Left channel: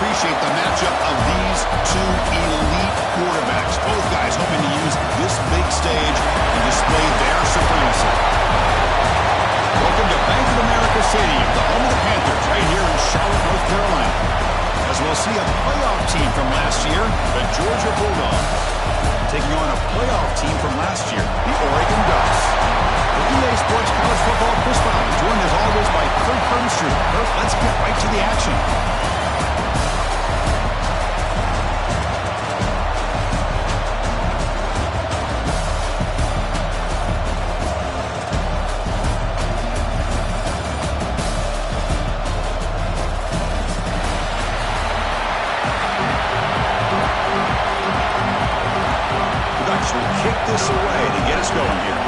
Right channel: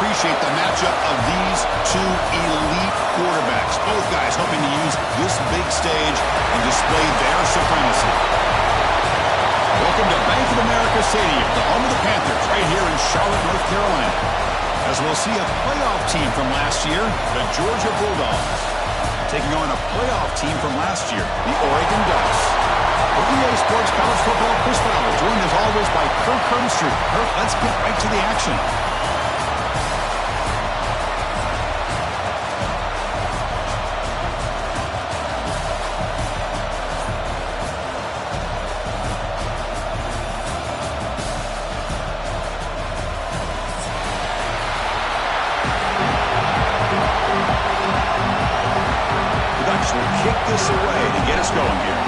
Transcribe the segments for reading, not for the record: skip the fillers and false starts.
appreciate the matchup of these two elite quarterbacks. Both guys hoping to use this big stage and display their supremacy. Welcome to Bank of America Stadium, the home of the Panthers, right here in Charlotte, North Carolina. As we'll see a playoff team from last year, the Georgia Bulldogs, taking on a playoff team from last year, the Oregon Ducks. For EA Sports College Football, Chris Fowler, joined as always by Kirk Herbstreit. Kirk, let's get right to the action. The Ducks will kick this away to get us going here.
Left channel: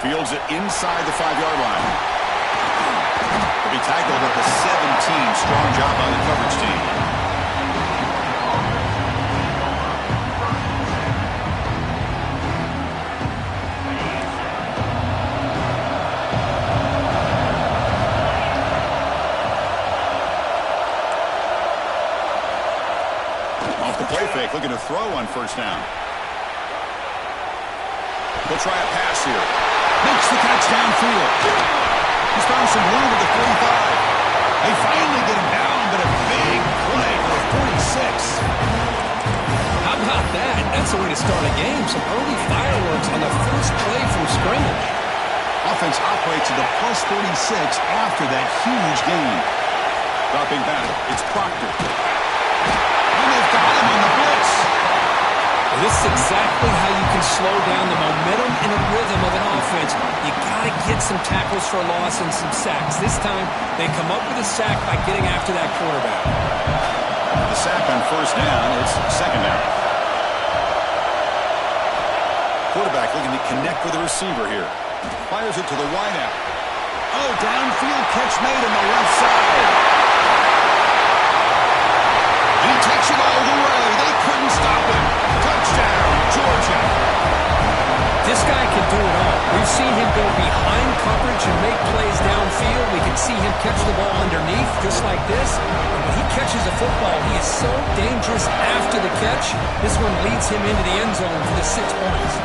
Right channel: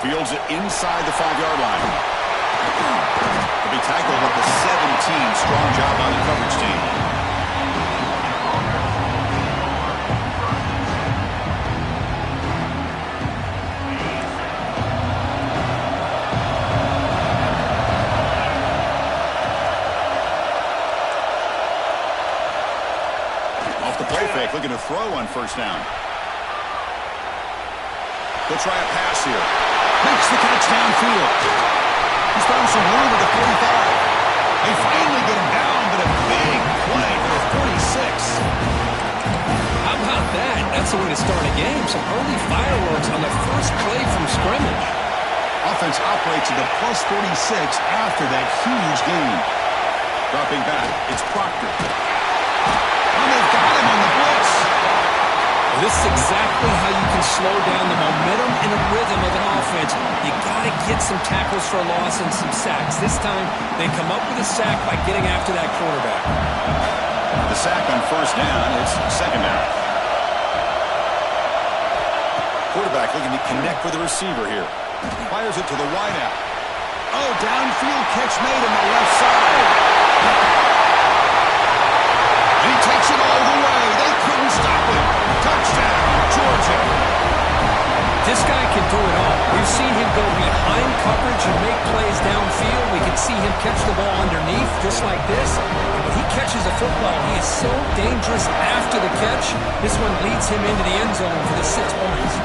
Fields it inside the 5-yard line. He'll be tackled at the 17. Strong job by the coverage team. Off the play fake, looking to throw on first down. He'll try a pass here. Makes the catch downfield. He's found some room at the 45. They finally get him down, but a big play for a 46. How about that? That's the way to start a game. Some early fireworks on the first play from scrimmage. Offense operates at the plus 46 after that huge gain. Dropping back, it's Proctor. And they've got him on the blitz. Well, this is exactly how you can slow down the momentum and the rhythm of an offense. You got to get some tackles for a loss and some sacks. This time, they come up with a sack by getting after that quarterback. The sack on first down, it's second down. Quarterback looking to connect with the receiver here. Fires it to the wideout. Oh, downfield catch made on the left side. And he takes it all the way. They couldn't stop him. Touchdown, Georgia. This guy can do it all. We've seen him go behind coverage and make plays downfield. We can see him catch the ball underneath just like this. And when he catches a football, he is so dangerous after the catch. This one leads him into the end zone for the 6 points.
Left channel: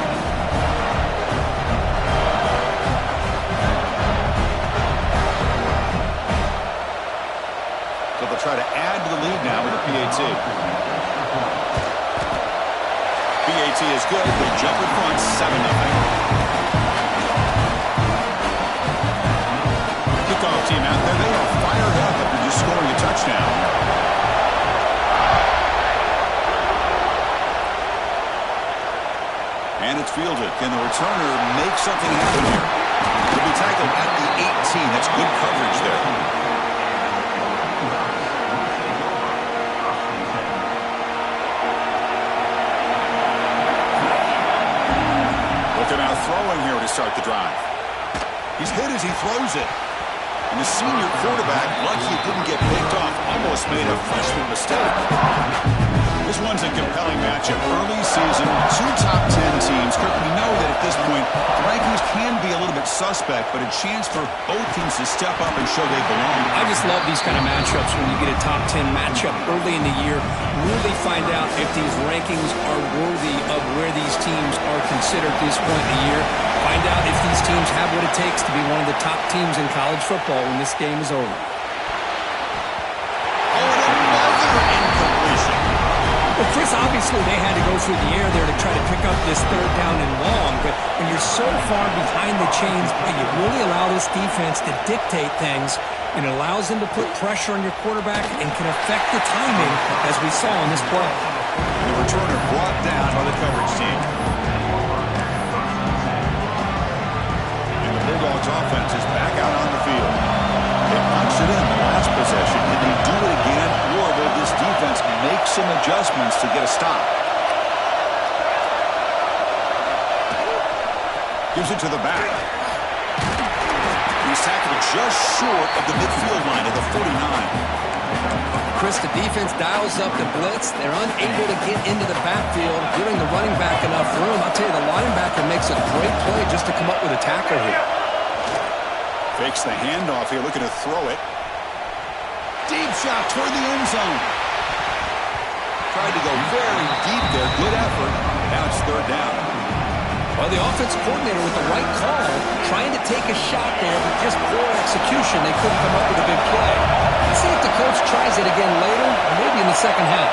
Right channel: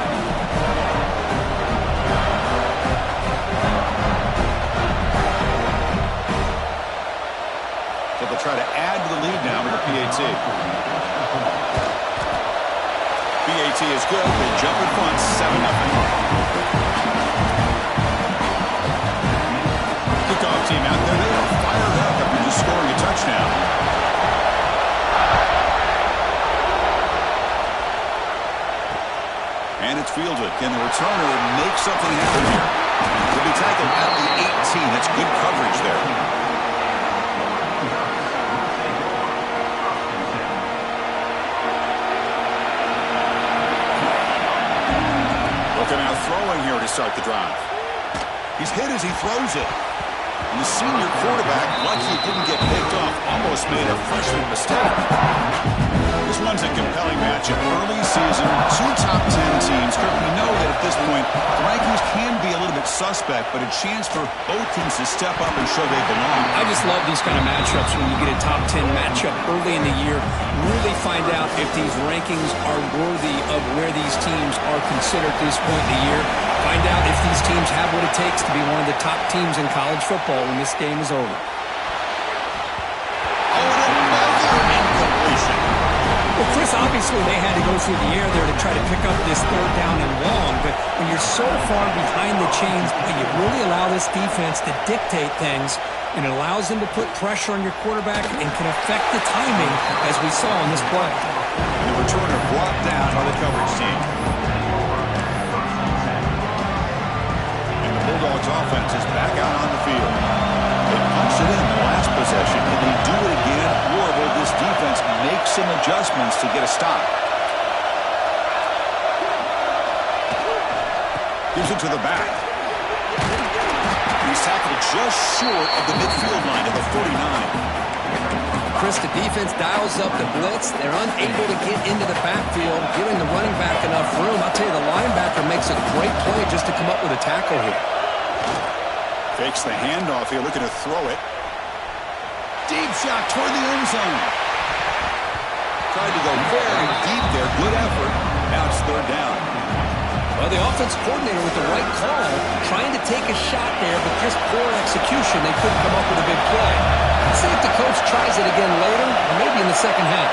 So they'll try to add to the lead now with a PAT. PAT is good. They jump in front, 7-0. Kickoff team out there. They are fired up after just scoring a touchdown. And it's fielded. Can the returner make something happen here? He'll be tackled at the 18. That's good coverage there. Looking out throwing here to start the drive. He's hit as he throws it. And the senior quarterback, lucky it didn't get picked off, almost made a freshman mistake. This one's a compelling matchup. Early season, two top 10 teams. Kirk, we know that at this point, the rankings can be a little bit suspect, but a chance for both teams to step up and show they belong. I just love these kind of matchups when you get a top 10 matchup early in the year. Really find out if these rankings are worthy of where these teams are considered at this point in the year. Find out if these teams have what it takes to be one of the top teams in college football when this game is over. Oh, and another incompletion. Well, Chris, obviously they had to go through the air there to try to pick up this third down and long, but when you're so far behind the chains, you really allow this defense to dictate things, and it allows them to put pressure on your quarterback and can affect the timing, as we saw in this play. And the returner brought down by the coverage team. And the Bulldogs offense is back out on the field. They punched it in the last possession. Can they do it again, or will this defense make some adjustments to get a stop? Gives it to the back. He's tackled just short of the midfield line at the 49. Chris, the defense dials up the blitz. They're unable to get into the backfield, giving the running back enough room. I'll tell you, the linebacker makes a great play just to come up with a tackle here. Fakes the handoff here, looking to throw it. Deep shot toward the end zone. Tried to go very deep there. Good effort. Now it's third down. Well, the offense coordinator with the right call, trying to take a shot there, but just poor execution. They couldn't come up with a big play. Let's see if the coach tries it again later, or maybe in the second half.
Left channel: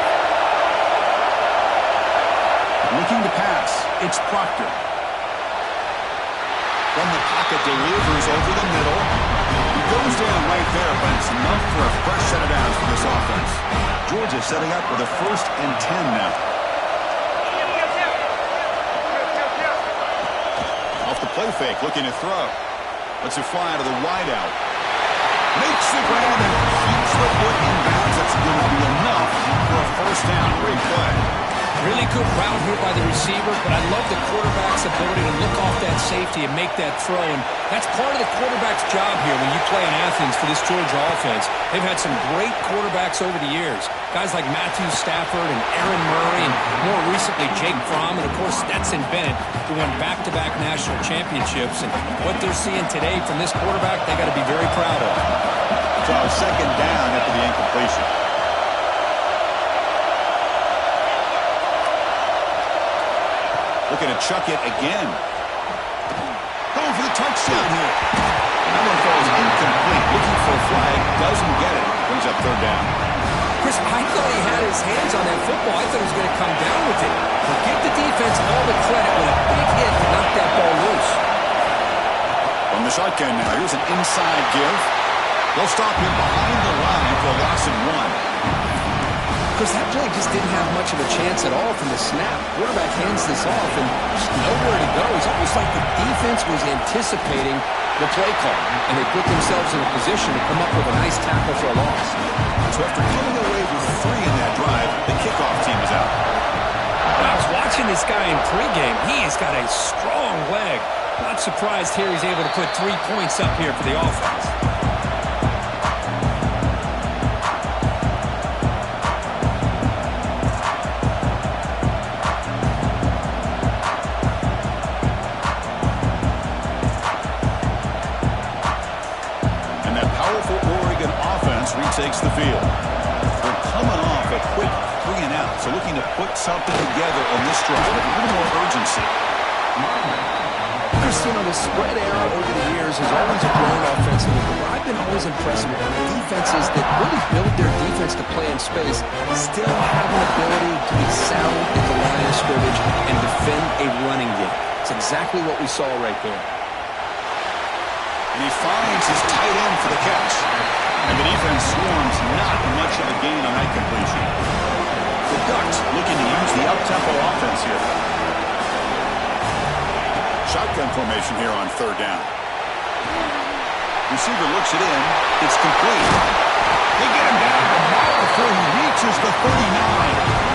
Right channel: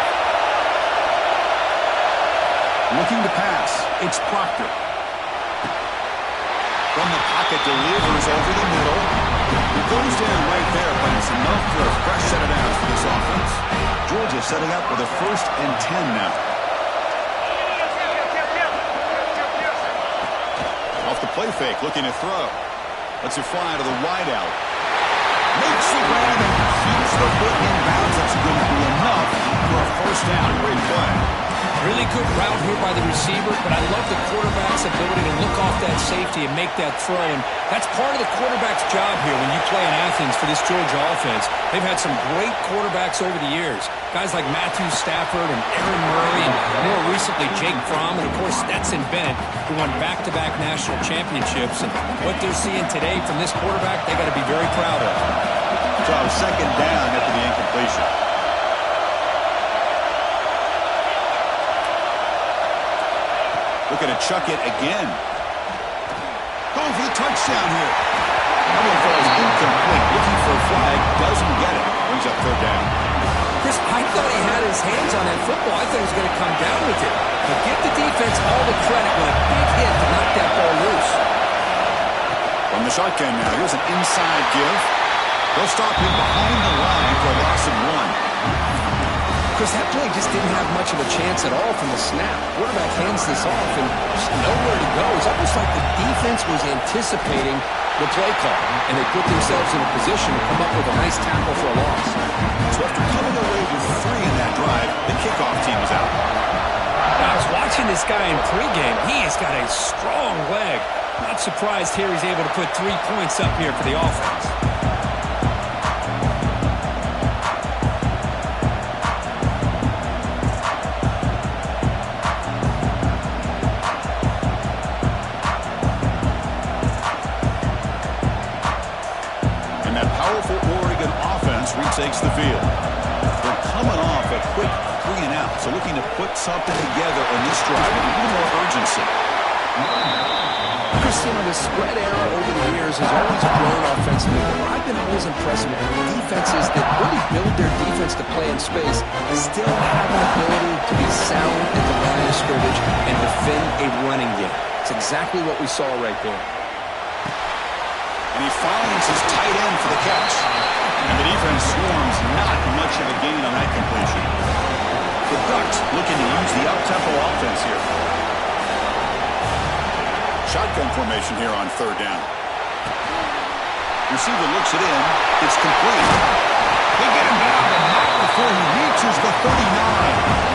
Looking to pass. It's Proctor. From the pocket, delivers over the middle. He goes down right there, but it's enough for a fresh set of downs for this offense. Georgia setting up with a 1st and 10 now. Off the play fake, looking to throw. Lets it fly to the wideout. Makes the grab and keeps the foot in bounds. That's going to be enough for a 1st down. Great play. Really good route here by the receiver, but I love the quarterback's ability to look off that safety and make that throw. And that's part of the quarterback's job here when you play in Athens for this Georgia offense. They've had some great quarterbacks over the years. Guys like Matthew Stafford and Aaron Murray and more recently Jake Fromm and, of course, Stetson Bennett, who won back-to-back national championships. And what they're seeing today from this quarterback, they got to be very proud of. So 2nd down after the incompletion. Looking to chuck it again. Going for the touchdown here. That one falls incomplete. Looking for a flag. Doesn't get it. Brings up 3rd down. Chris, I thought he had his hands on that football. I thought he was going to come down with it. But give the defense all the credit with a big hit to knock that ball loose. From the shotgun now. Here's an inside give. They'll stop him behind the line for a loss of 1. Chris, that play just didn't have much of a chance at all from the snap. Quarterback hands this off and just nowhere to go. It's almost like the defense was anticipating the play call, and they put themselves in a position to come up with a nice tackle for a loss. So after coming away with 3 in that drive, the kickoff team is out. Now, I was watching this guy in pregame. He's got a strong leg. Not surprised here he's able to put 3 points up here for the offense. Retakes the field. They're coming off a quick 3 and out, so looking to put something together on this drive with a little more urgency. Chris, you know, the spread era over the years has always grown offensively, but what I've been always impressed with defenses that really build their defense to play in space still have an ability to be sound at the line of scrimmage and defend a running game. It's exactly what we saw right there. And he finds his tight end for the catch. And the defense swarms, not much of a gain on that completion. The Ducks looking to use the up-tempo offense here. Shotgun formation here on 3rd down. Receiver looks it in. It's complete. They get him down, but not before he reaches the 39.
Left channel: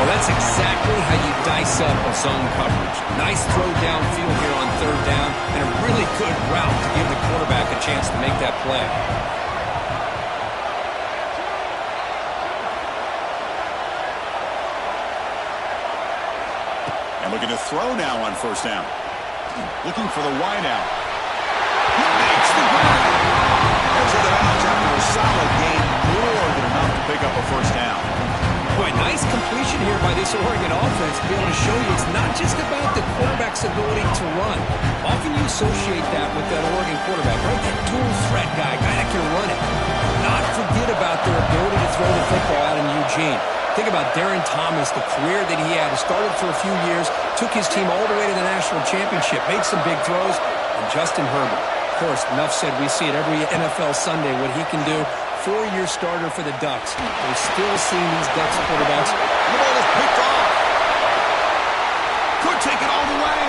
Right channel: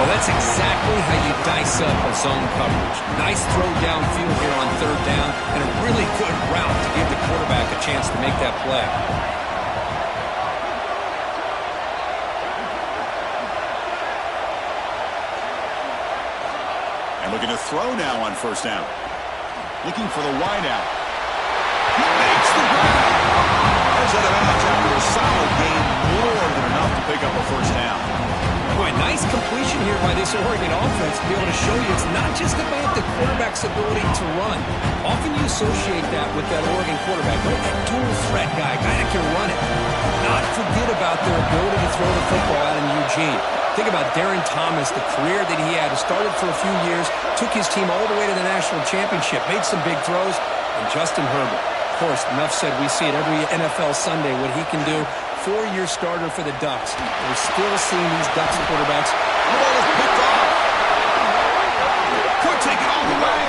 Well, that's exactly how you dice up a zone coverage. Nice throw downfield here on 3rd down, and a really good route to give the quarterback a chance to make that play. And looking to throw now on 1st down. Looking for the wideout. He makes the grab. Heads out of bounds after a solid gain, more than enough to pick up a 1st down. Boy, nice completion here by this Oregon offense to be able to show you it's not just about the quarterback's ability to run. Often you associate that with that Oregon quarterback, right? That dual threat guy that can run it. Not forget about their ability to throw the football out in Eugene. Think about Darren Thomas, the career that he had. He started for a few years, took his team all the way to the national championship, made some big throws, and Justin Herbert. Of course, enough said, we see it every NFL Sunday, what he can do. 4-year starter for the Ducks. We're still seeing these Ducks quarterbacks. The ball is picked off. Could take it all the way.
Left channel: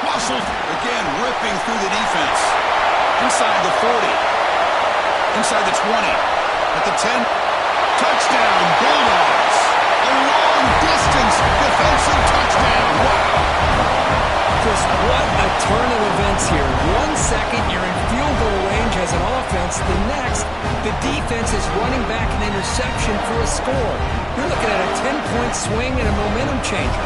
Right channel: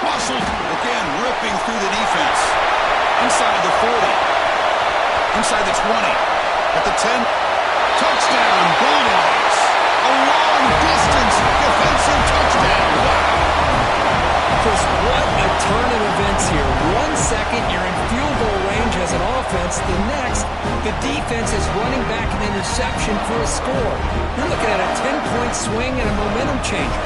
Russell again ripping through the defense. Inside the 40. Inside the 20. At the 10. Touchdown, Bulldogs. A long-distance defensive touchdown. Wow. Chris, what a turn of events here. 1 second, you're in field goal range as an offense. The next, the defense is running back an interception for a score. You're looking at a 10-point swing and a momentum changer.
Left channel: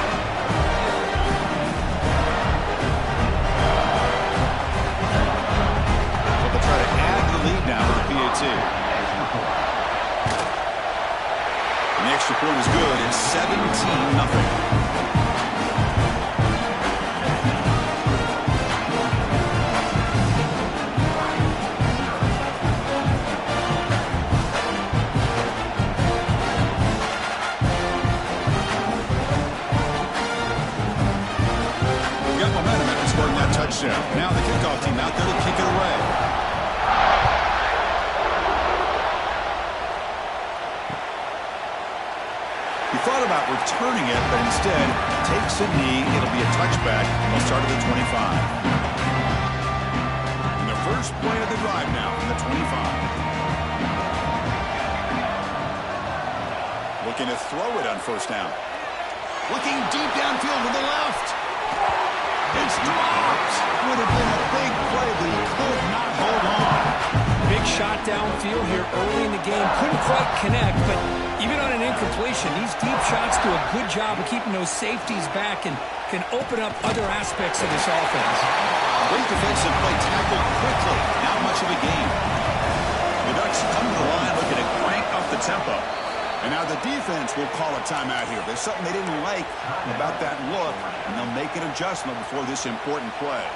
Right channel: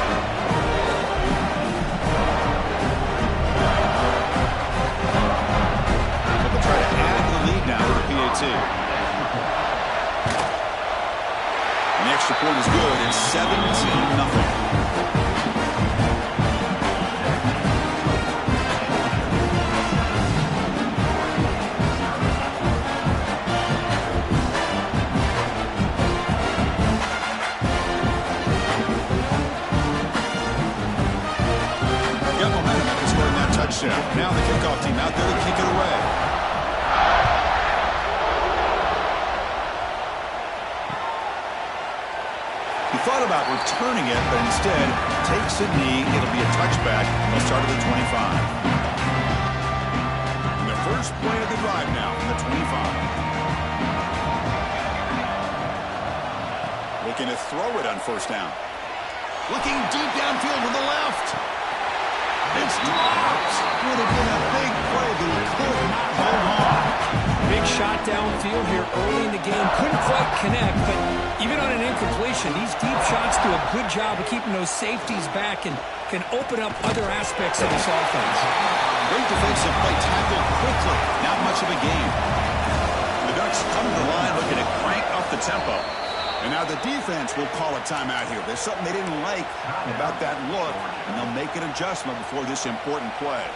lead now with a PAT. And the extra point is good. It's 17-0. Momentum after scoring that touchdown. Now the kickoff team out there to kick it away. He thought about returning it, but instead takes a knee. It'll be a touchback. They'll start at the 25. And the first play of the drive now from the 25. Looking to throw it on first down. Looking deep downfield to the left. It's dropped. Would have been a big play, but he could not hold on. Big shot downfield here early in the game. Couldn't quite connect, but even on an incompletion, these deep shots do a good job of keeping those safeties back and can open up other aspects of this offense. Great defensive play, tackled quickly. Not much of a gain. The Ducks come to the line looking to crank up the tempo. And now the defense will call a timeout here. There's something they didn't like about that look, and they'll make an adjustment before this important play.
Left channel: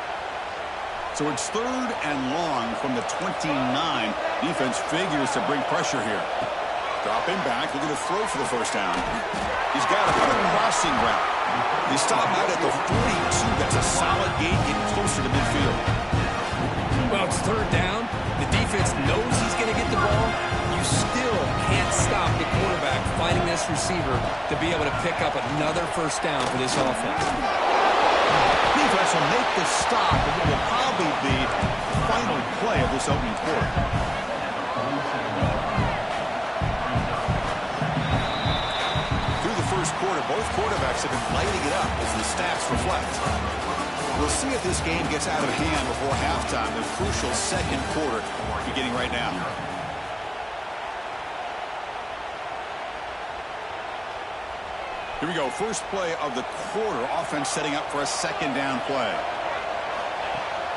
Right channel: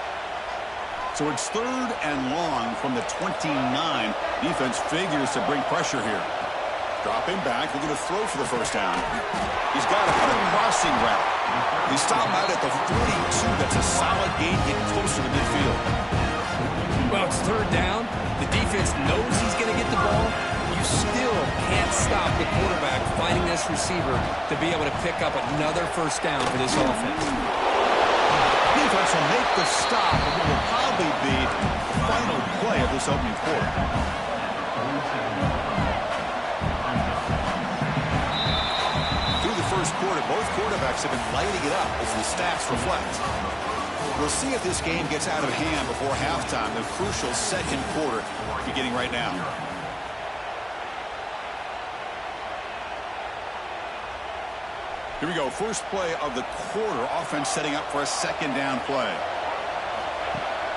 So it's 3rd and long from the 29. Defense figures to bring pressure here. Dropping back, looking to throw for the first down. He's got a crossing route. They stop out at the 42. That's a solid gain, getting closer to midfield. Well, it's 3rd down. The defense knows he's going to get the ball. You still can't stop the quarterback finding this receiver to be able to pick up another first down for this offense. Defense will make the stop of what will probably be the final play of this opening quarter. Through the first quarter, both quarterbacks have been lighting it up as the stats reflect. We'll see if this game gets out of hand before halftime, the crucial second quarter beginning right now. Here we go, first play of the quarter. Offense setting up for a second down play.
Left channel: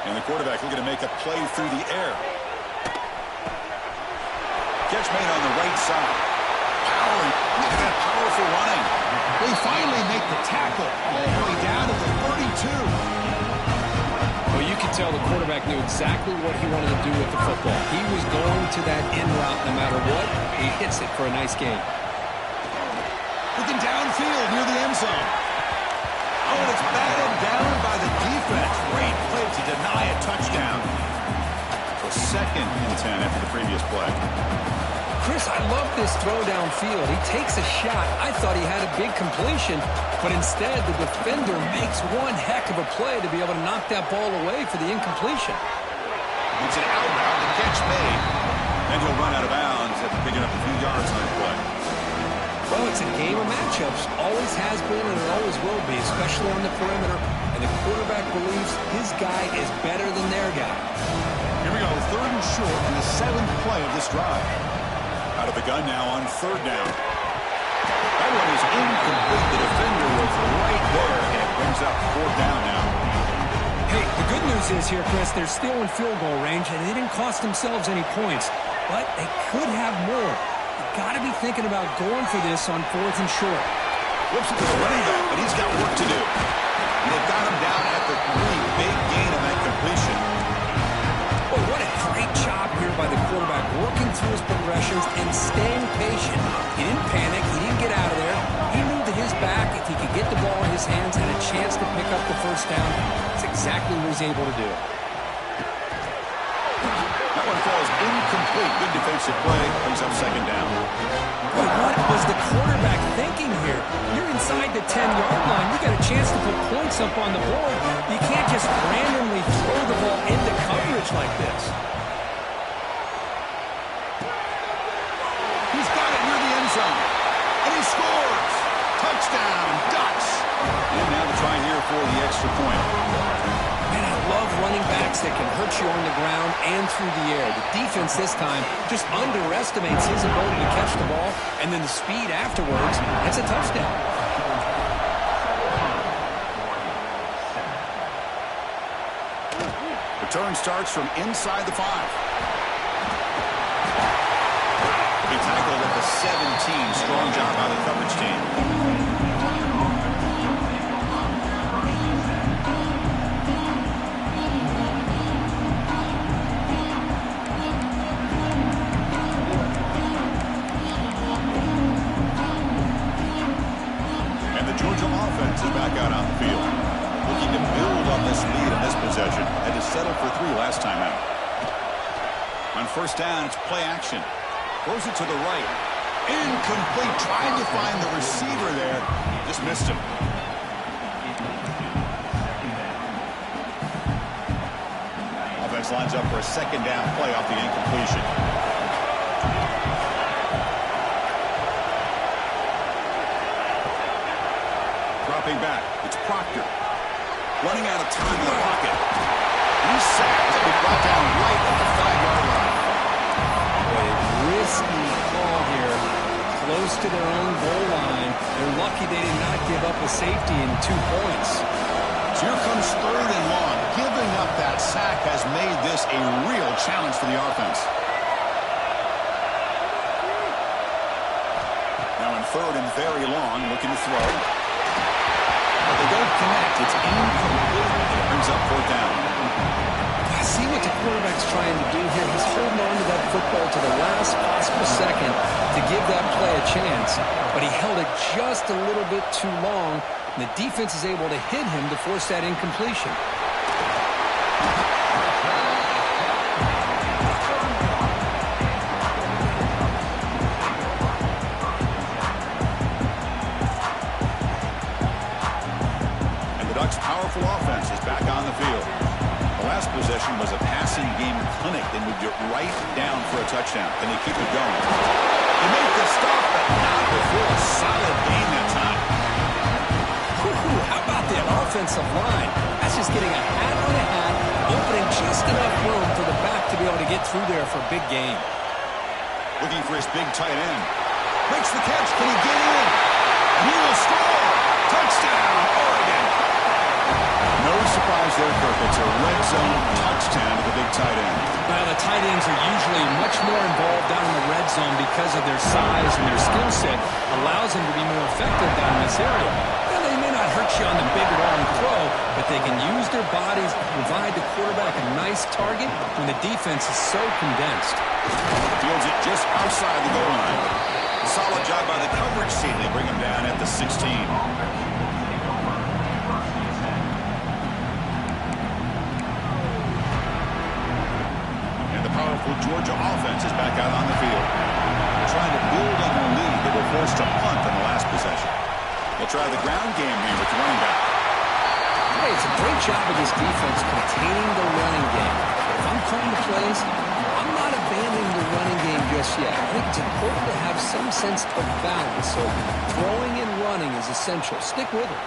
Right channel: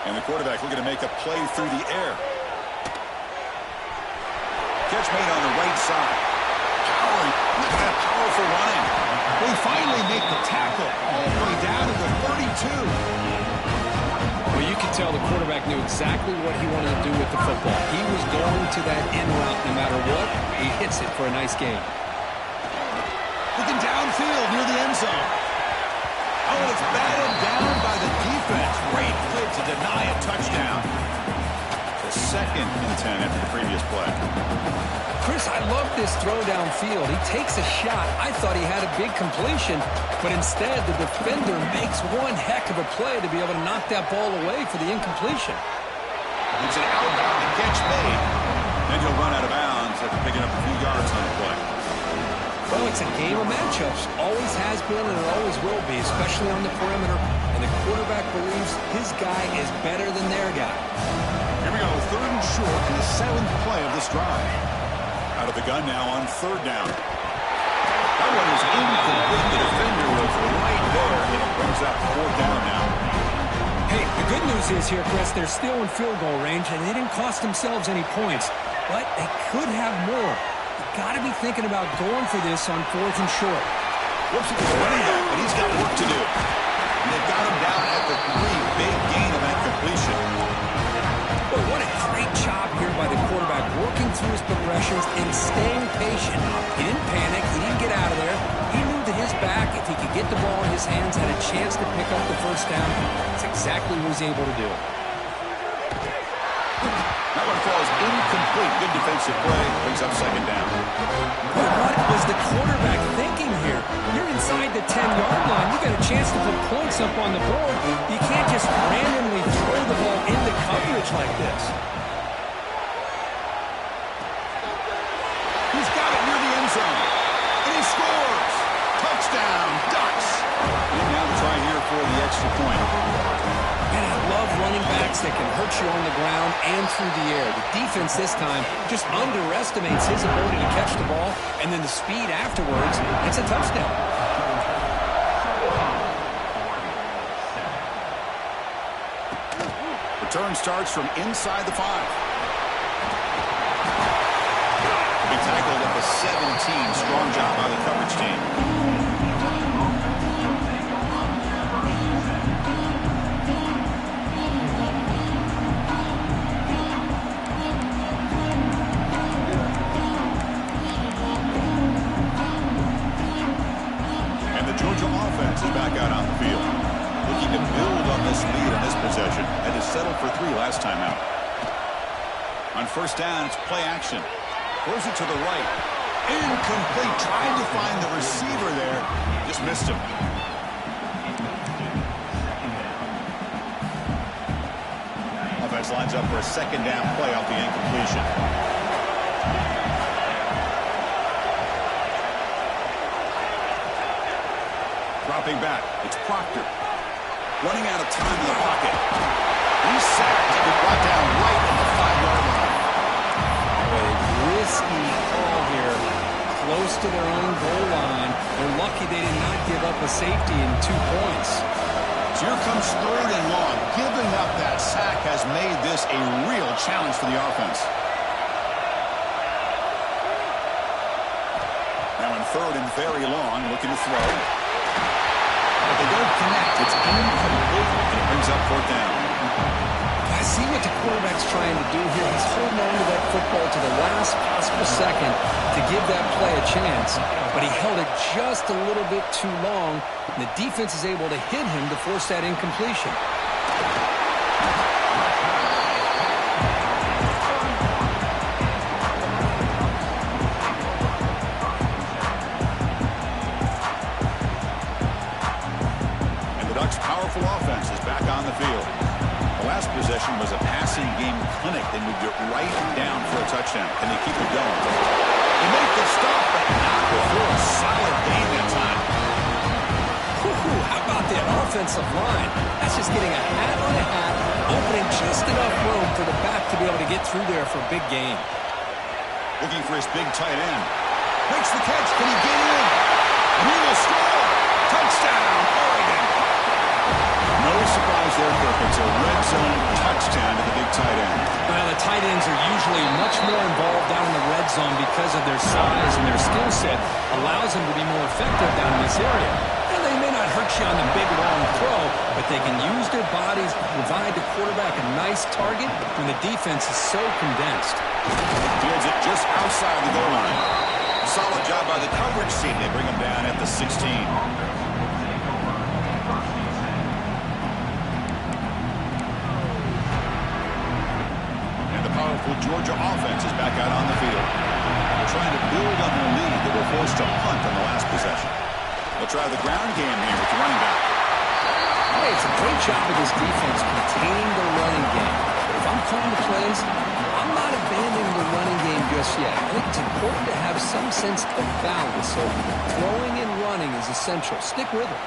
And the quarterback looking to make a play through the air. Catch made on the right side. Powering. Look at that powerful running. They finally make the tackle all the way down to the 32. Well, you can tell the quarterback knew exactly what he wanted to do with the football. He was going to that in route no matter what. He hits it for a nice gain. Looking downfield near the end zone. Oh, and it's batted down by the defense. Great play to deny a touchdown. So 2nd and 10 after the previous play. Chris, I love this throw downfield. He takes a shot. I thought he had a big completion, but instead the defender makes one heck of a play to be able to knock that ball away for the incompletion. It's an outbound, the catch made. Then he'll run out of bounds after picking up a few yards on the play. Well, it's a game of matchups. Always has been and it always will be, especially on the perimeter. And the quarterback believes his guy is better than their guy. Here we go, 3rd and short in the 7th play of this drive. Out of the gun now on 3rd down. That one is incomplete. The defender was right there, and it brings up 4th down now. Hey, the good news is here, Chris, they're still in field goal range, and they didn't cost themselves any points. But they could have more. Got to be thinking about going for this on 4th and short. Whoops, it was running back, but he's got work to do. And they've got him down at the 3. Big gain of that completion. Boy, what a great job here by the quarterback, working through his progressions and staying patient. He didn't panic. He didn't get out of there. He knew that his back, if he could get the ball in his hands, had a chance to pick up the first down. That's exactly what he's able to do. That one falls incomplete. Good defensive play. Brings up 2nd down. But what was the quarterback thinking here? You're inside the 10-yard line. You got a chance to put points up on the board. You can't just randomly throw the ball into coverage like this. He's got it near the end zone. And he scores. Touchdown, Ducks. And now the try here for the extra point. Man, I love running backs that can hurt you on the ground and through the air. The defense this time just underestimates his ability to catch the ball, and then the speed afterwards, it's a touchdown. Return starts from inside the 5. tackled at the 17. Strong job by the coverage team. Georgia offense is back out on the field. Looking to build on this lead in this possession. Had to settle for 3 last time out. On first down, it's play action. Throws it to the right. Incomplete. Tried to find the receiver there. Just missed him. Offense lines up for a second down play off the incompletion. Dropping back, it's Proctor. Running out of time in the pocket. He's sacked and brought down right at the 5-yard line. Boy, a risky call here. Close to their own goal line. They're lucky they did not give up a safety in 2 points. So here comes 3rd and long. Giving up that sack has made this a real challenge for the offense. Now in 3rd and very long, looking to throw. But they don't connect. It's incomplete, and it brings up 4th down. I see what the quarterback's trying to do here. He's holding on to that football to the last possible second to give that play a chance. But he held it just a little bit too long, and the defense is able to hit him to force that incompletion. Powerful offense is back on the field. The last possession was a passing game clinic. They moved it right down for a touchdown. Can they keep it going? They make the stop, but not before a solid gain that time. How about that offensive line? That's just getting a hat on a hat, opening just enough room for the back to be able to get through there for a big gain. Looking for his big tight end. Makes the catch. Can he get in? And he will score. Touchdown, Oregon. No surprise there, Kirk. It's a red zone touchdown to the big tight end. Well, the tight ends are usually much more involved down in the red zone because of their size and their skill set. Allows them to be more effective down in this area. Now, they may not hurt you on the big, long throw, but they can use their bodies to provide the quarterback a nice target when the defense is so condensed. Fields it just outside the goal line. Solid job by the coverage team. They bring him down at the 16. Powerful Georgia offense is back out on the field. They're trying to build on their lead. They were forced to punt on the last possession. They'll try the ground game here with the running back. Hey, it's a great job of this defense containing the running game. But if I'm calling the plays, I'm not abandoning the running game just yet. I think it's important to have some sense of balance. So throwing and running is essential. Stick with it.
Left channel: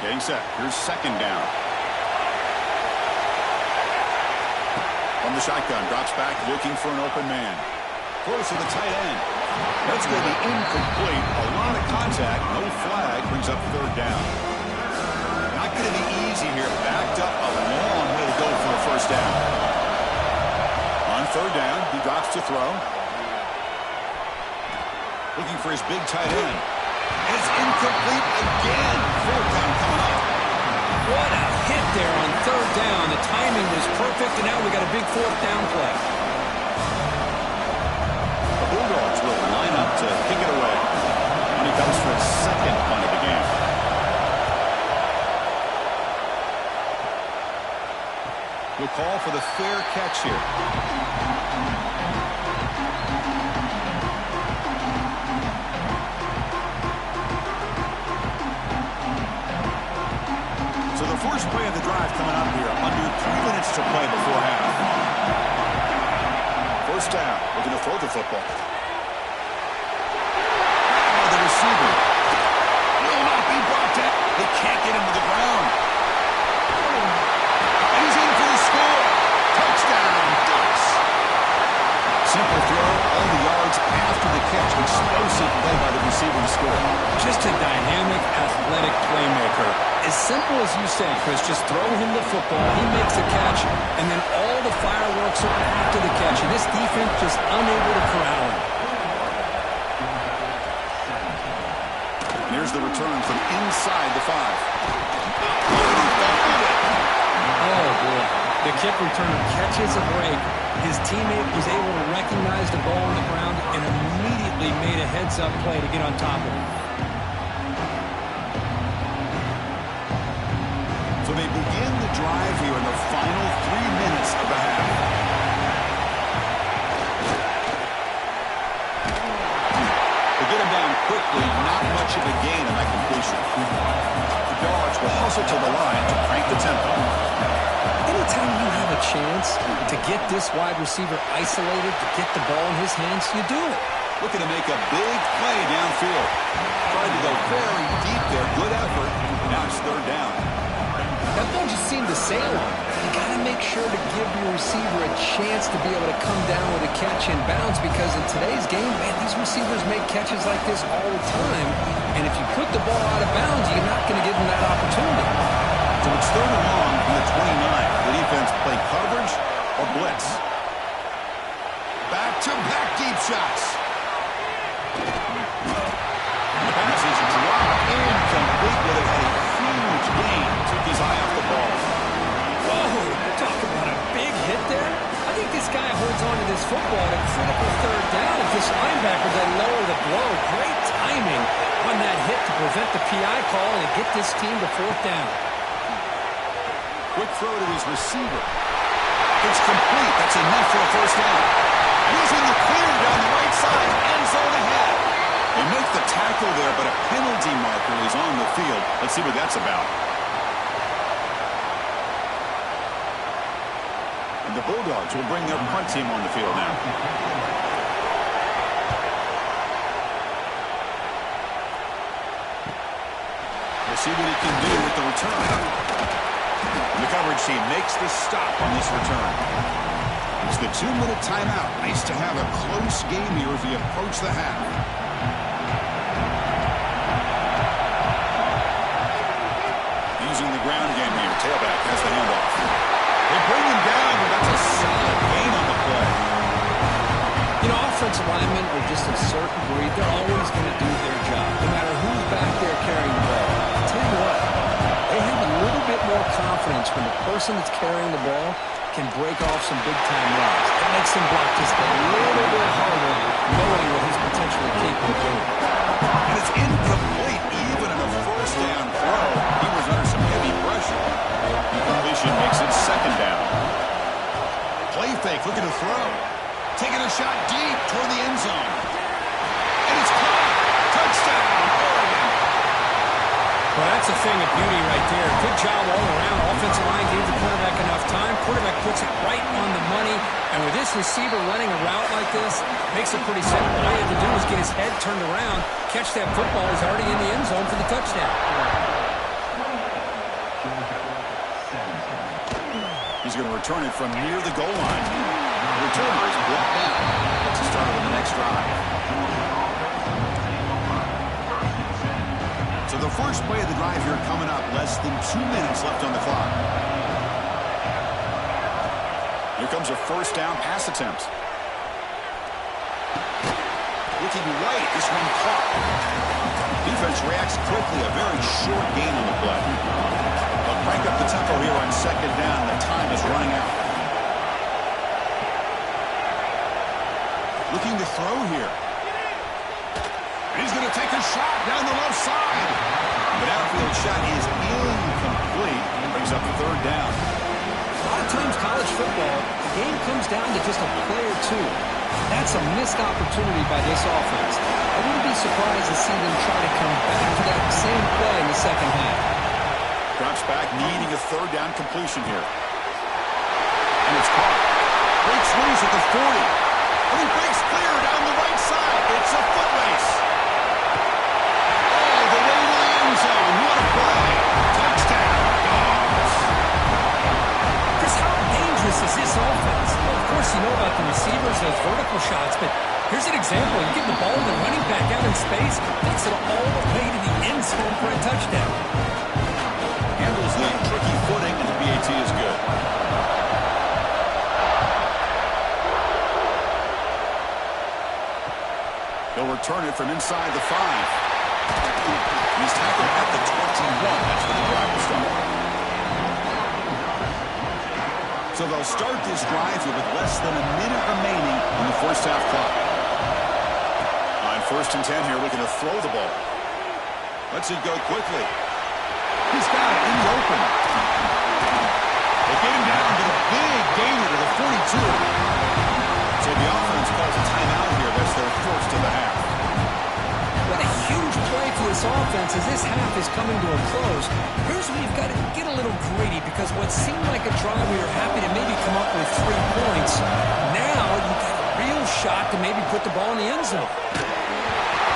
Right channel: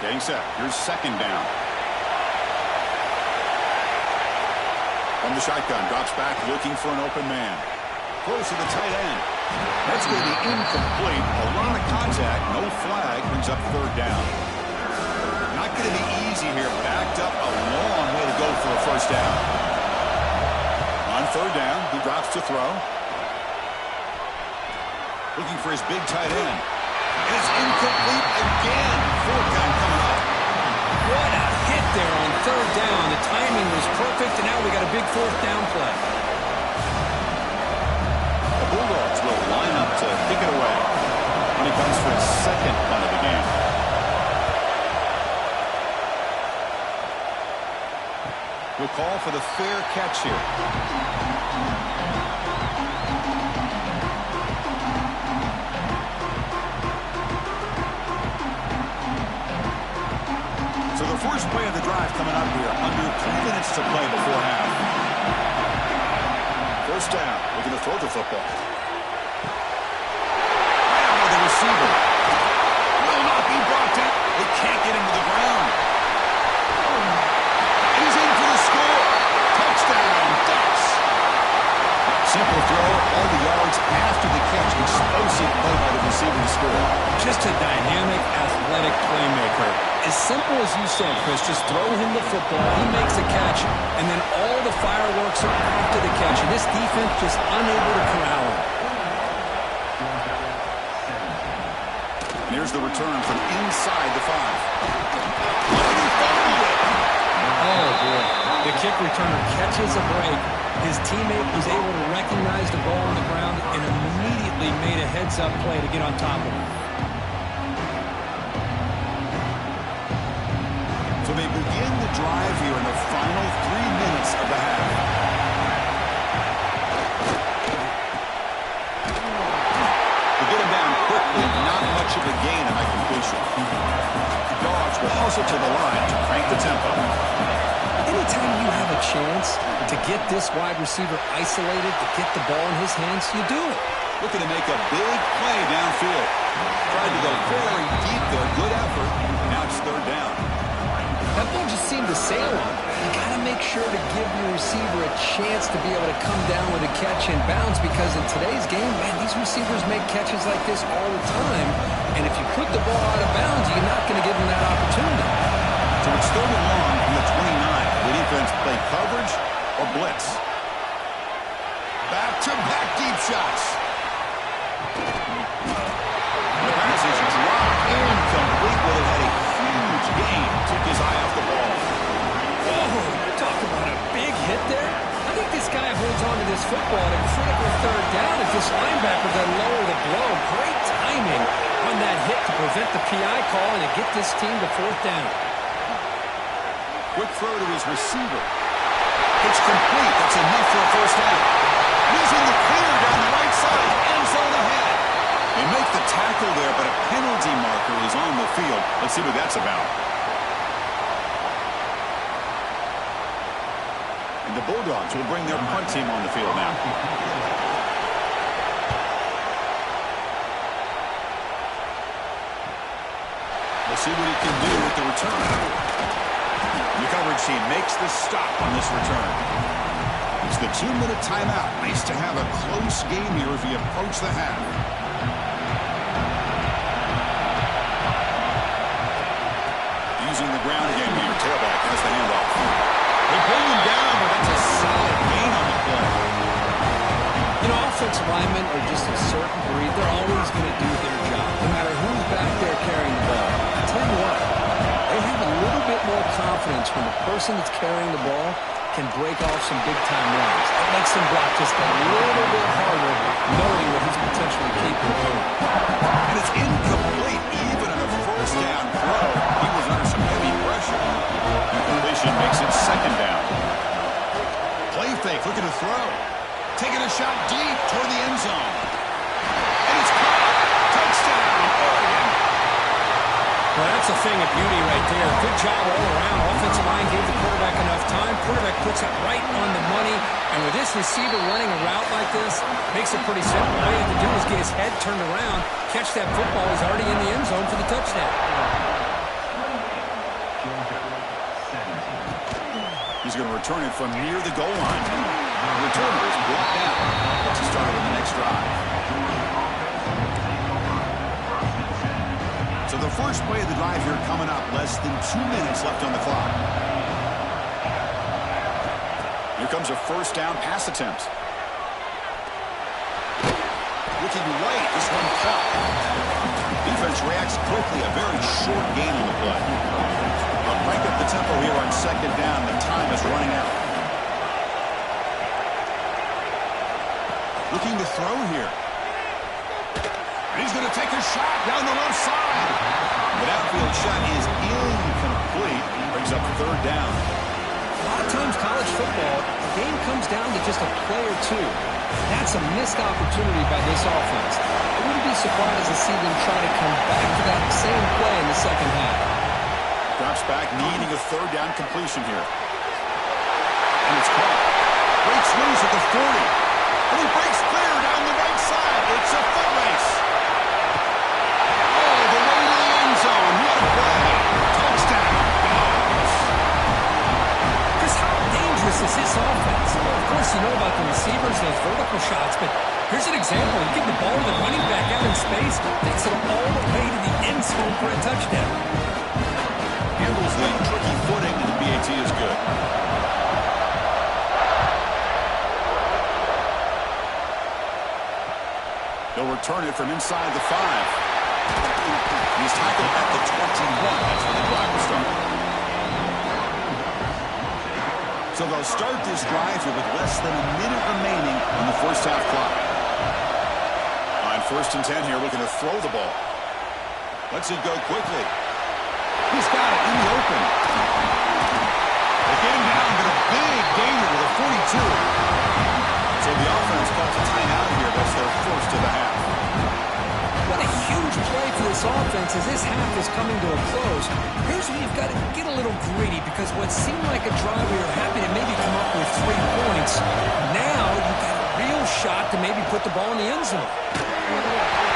Getting set. Here's 2nd down. From the shotgun, drops back, looking for an open man. Throws to the tight end. That's going to be incomplete. A lot of contact, no flag, brings up 3rd down. Not going to be easy here. Backed up a long way to go for a 1st down. On 3rd down, he drops to throw. Looking for his big tight end. And it's incomplete again. 4th down coming up. What a hit there on 3rd down. The timing was perfect, and now we got a big 4th down play. The Bulldogs will line up to kick it away when he comes for his 2nd punt of the game. He'll call for the fair catch here. So the first play of the drive coming up here. Under 3 minutes to play before half. 1st down. Looking to throw the football. Grabbed by the receiver. Will not be brought down. They can't get him to the ground. And he's in for the score. Touchdown, Ducks. Simple throw, all the yards after the catch. Explosive play by the receiver to score. Just a dynamic, athletic playmaker. As simple as you said, Chris, just throw him the football, he makes a catch, and then all the fireworks are after the catch. And this defense just unable to corral him. And here's the return from inside the 5. Oh, and he fumbled it. Oh, boy. The kick returner catches a break. His teammate was able to recognize the ball on the ground and immediately made a heads-up play to get on top of it. So they begin the drive here in the final 3 minutes of the half. To get him down quickly, not much of a gain on that completion. The Dogs will hustle to the line to crank the tempo. Anytime you have a chance to get this wide receiver isolated, to get the ball in his hands, you do it. Looking to make a big play downfield. Tried to go very deep there. Good effort. Now it's 3rd down. That ball just seemed to sail on him. You got to make sure to give your receiver a chance to be able to come down with a catch and bounce, because in today's game, man, these receivers make catches like this all the time. And if you put the ball out of bounds, you're not going to give them that opportunity. So it's 3rd and long from the 29. The defense play coverage or blitz. Back-to-back deep shots. The pass is dropped incomplete. Would have had a huge gain. Took his eye off the ball. Whoa, talk about a big hit there. I think this guy holds on to this football at a critical 3rd down if this linebacker doesn't lower the blow. Great timing on that hit to prevent the PI call and to get this team to 4th down. Quick throw to his receiver. It's complete. That's enough for a 1st down. And he's in the clear down the right side. End zone ahead. They make the tackle there, but a penalty marker is on the field. Let's see what that's about. And the Bulldogs will bring their punt team on the field now. We'll see what he can do with the return. The coverage team makes the stop on this return. It's the 2-minute timeout. Nice to have a close game here as we approach the half. Using the ground game here. Tailback has the handoff. They bring him down, but that's a solid gain on the play. You know, offensive linemen are just a certain breed. They're always going to do their job, no matter who's back there carrying the ball. I'll tell you what, they have a little bit more confidence when the person that's carrying the ball can break off some big-time runs. It makes them block just a little bit harder, knowing what he's potentially capable of doing. And it's incomplete, even in a 1st down throw. He was under some heavy pressure. Incompletion makes it 2nd down. Play fake, looking to throw. Taking a shot deep toward the end zone. And it's caught. Touchdown, Oregon. Well, that's a thing of beauty right there. Good job all around. Offensive line gave the quarterback enough time. Quarterback puts it right on the money. And with this receiver running a route like this, makes it pretty simple. All he had to do was get his head turned around, catch that football. He's already in the end zone for the touchdown. He's going to return it from near the goal line. The returner is brought down. Gets us started on the next drive. So the first play of the drive here coming up. Less than 2 minutes left on the clock. Here comes a 1st down pass attempt. Looking right. This one caught. Defense reacts quickly. A very short gain on the play. But crank up the tempo here on 2nd down. The time is running out. Looking to throw here. He's going to take a shot down the left side. But outfield shot is incomplete. Brings up 3rd down. A lot of times college football, the game comes down to just a play or two. That's a missed opportunity by this offense. I wouldn't be surprised to see them try to come back to that same play in the 2nd half. Drops back, needing a 3rd down completion here. And it's caught. Breaks loose at the 40. And he breaks clear down the right side. It's a foot race. All the way to the end zone. What a play. Touchdown, Dogs. Chris, how dangerous is this offense? Well, of course, you know about the receivers, those vertical shots, but here's an example. You get the ball to the running back out in space, takes it all the way to the end zone for a touchdown. Handles the tricky footing, and the PAT is good. He'll return it from inside the 5. He's tackled at the 21. That's where the drive will start. So they'll start this drive here with less than a minute remaining on the first half clock. On 1st and 10 here, looking to throw the ball. Lets it go quickly. He's got it in the open. They get him down, but a big gainer to the 42. So the offense calls a timeout here. That's their first of the half. What a huge play for this offense as this half is coming to a close. Here's where you've got to get a little greedy, because what seemed like a drive we were happy to maybe come up with 3 points, now you've got a real shot to maybe put the ball in the end zone.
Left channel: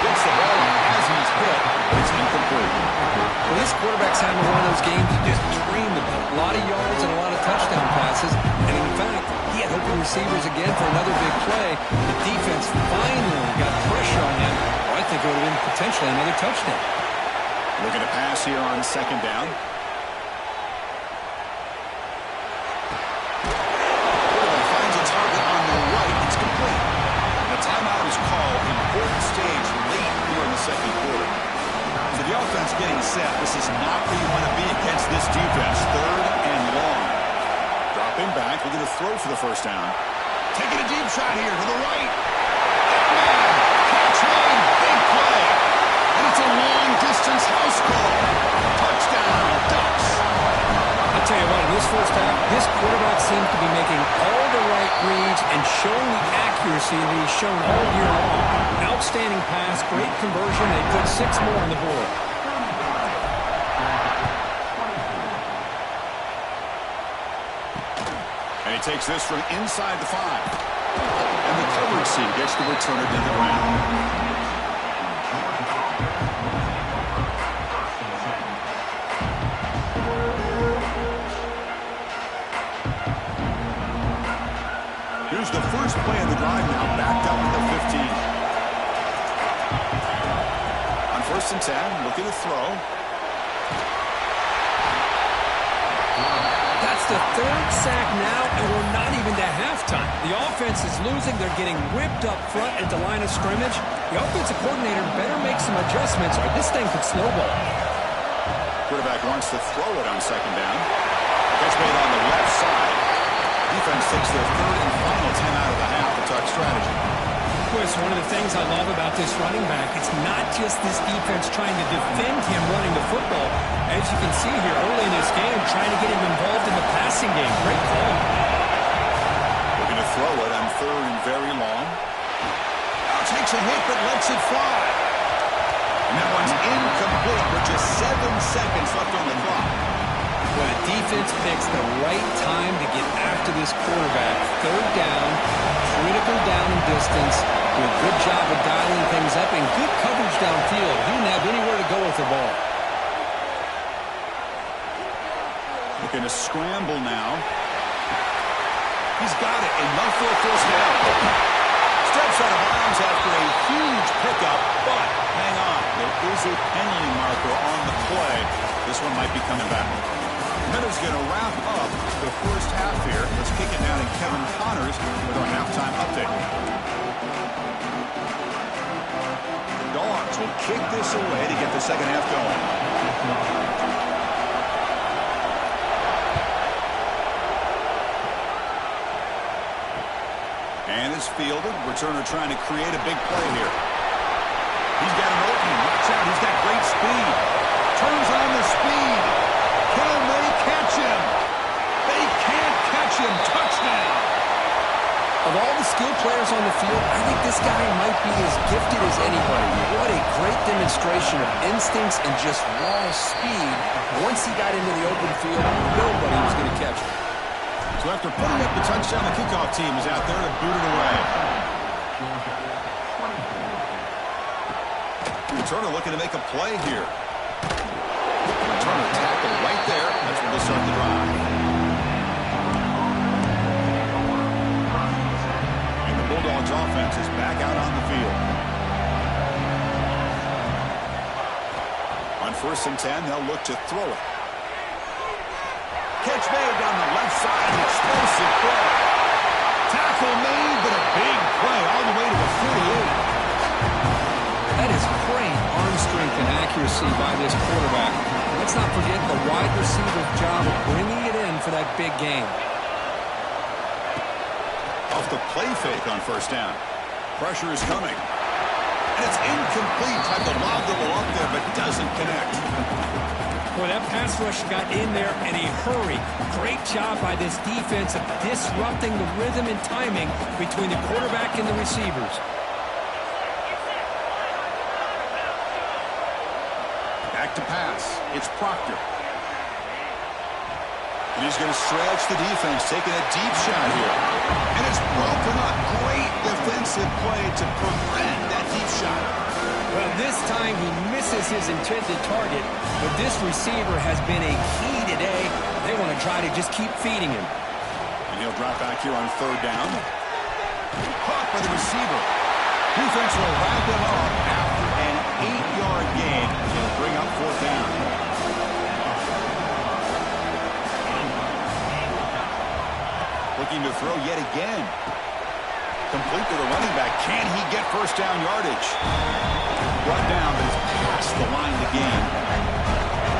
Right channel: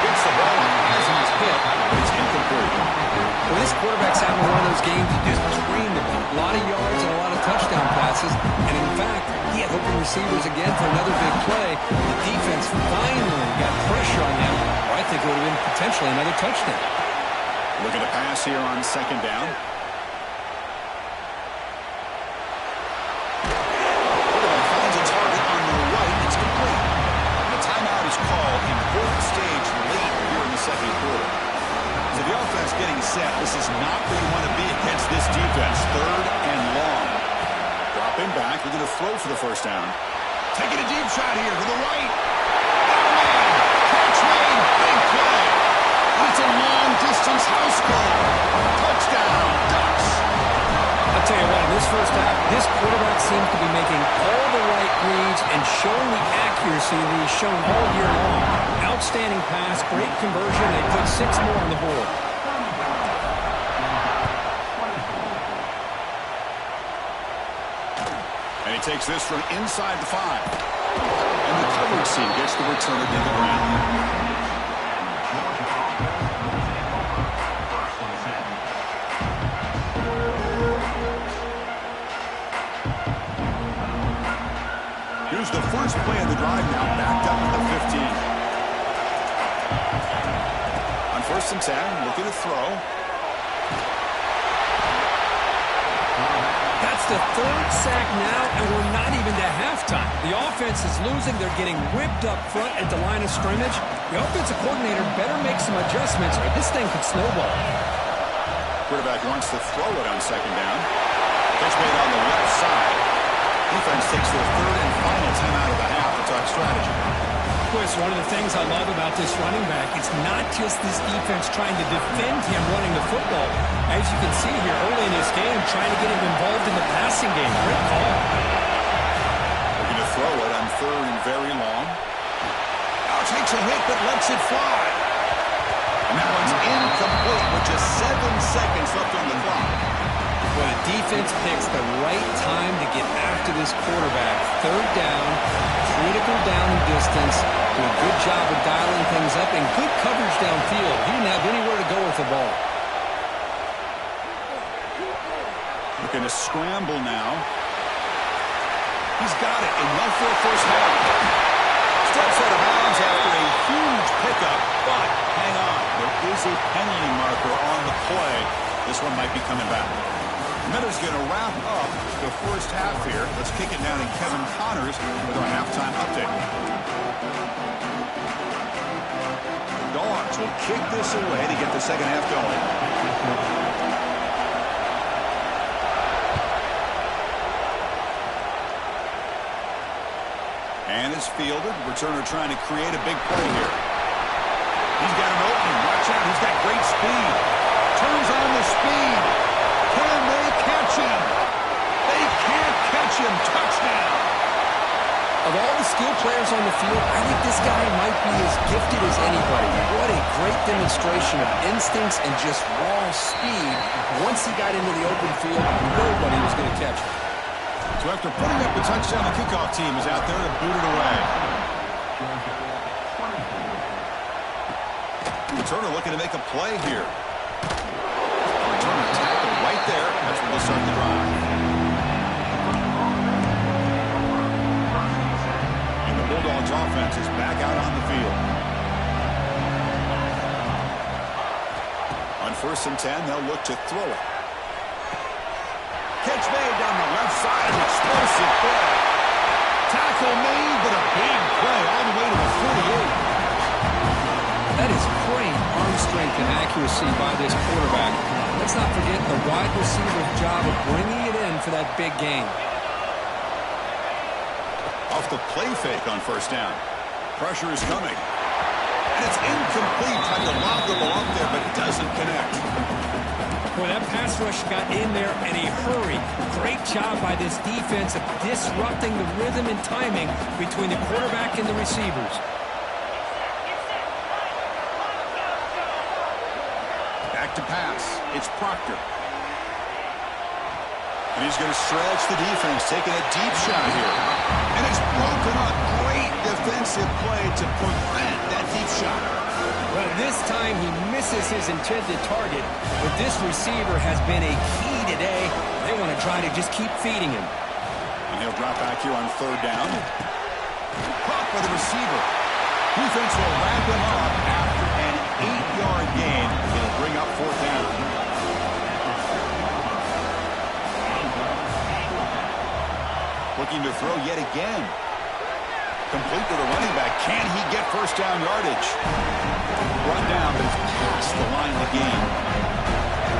Gets the ball as he's hit, but it's incomplete. Well, this quarterback's having one of those games you just dreamed about. A lot of yards and a lot of touchdown passes. And in fact, he had open receivers again for another big play. The defense finally got pressure on him, or I think it would have been potentially another touchdown. Looking to pass here on 2nd down. Quarterback finds a target on the right. It's complete. And a timeout is called. Important stage late here in the 2nd quarter. So the offense getting set. This is not where you want to be against this defense. 3rd and long. Dropping back. We're going to throw for the 1st down. Taking a deep shot here to the right. Oh, man. Catch made. Big play. And it's a long-distance house call. Touchdown, Ducks. I'll tell you what, in this first half, this quarterback seems to be making all the right reads and showing the accuracy that he's shown all year long. Outstanding pass, great conversion. They put 6 more on the board. And he takes this from inside the 5. And the coverage team gets the returner to the ground. Here's the first play of the drive now, backed up at the 15. On 1st and 10, looking to throw. That's the 3rd sack now, and we're not even to halftime. The offense is losing. They're getting whipped up front at the line of scrimmage. The offensive coordinator better make some adjustments, or this thing could snowball. Quarterback wants to throw it on 2nd down. Catch made on the left side. Defense takes their 3rd and final timeout of the half to talk strategy. Well, it's one of the things I love about this running back. It's not just this defense trying to defend him running the football. As you can see here early in this game, trying to get him involved in the passing game. Great call. Looking to throw it on 3rd and very long. Now takes a hit but lets it fly. And that one's incomplete with just 7 seconds left on the clock. Well, the defense picks the right time to get after this quarterback. 3rd down, critical down and distance. Do a good job of dialing things up and good coverage downfield. He didn't have anywhere to go with the ball. Looking to scramble now. He's got it. Enough for a 1st down. Steps out of bounds after a huge pickup, but hang on. There is a penalty marker on the play. This one might be coming back. Miller's going to wrap up the first half here. Let's kick it now to Kevin Connors with our halftime update. Dogs will kick this away to get the 2nd half going. And is fielded. Returner trying to create a big play here. He's got an opening. Watch out. He's got great speed. Turns on the speed. Can they catch him? They can't catch him. Touchdown. Of all the skilled players on the field, I think this guy might be as gifted as anybody. What a great demonstration of instincts and just raw speed. Once he got into the open field, nobody was going to catch him. So after putting up the touchdown, the kickoff team is out there to boot it away. Returner looking to make a play here. Returner tackled right there. That's where they'll start the drive. And the Bulldogs offense is back out on the field. On 1st and 10, they'll look to throw it. Catch made down the left side. An explosive play. Tackle made, but a big play all the way to the 48. That is great arm strength and accuracy by this quarterback. Let's not forget the wide receiver's job of bringing it in for that big gain. Off the play fake on first down. Pressure is coming. And it's incomplete. Tried to lob the ball up there, but doesn't connect. Boy, that pass rush got in there in a hurry. Great job by this defense of disrupting the rhythm and timing between the quarterback and the receivers. Back to pass. It's Proctor. And he's going to stretch the defense, taking a deep shot here. And it's broken up. Great defensive play to prevent that deep shot. Well, this time he misses his intended target, but this receiver has been a key today. They want to try to just keep feeding him. And he'll drop back here on third down. Caught by the receiver. Defense will wrap him up after an 8-yard gain. He'll bring up fourth down. Looking to throw yet again. Complete to the running back. Can he get first down yardage? Brought down, but it's past the line to gain.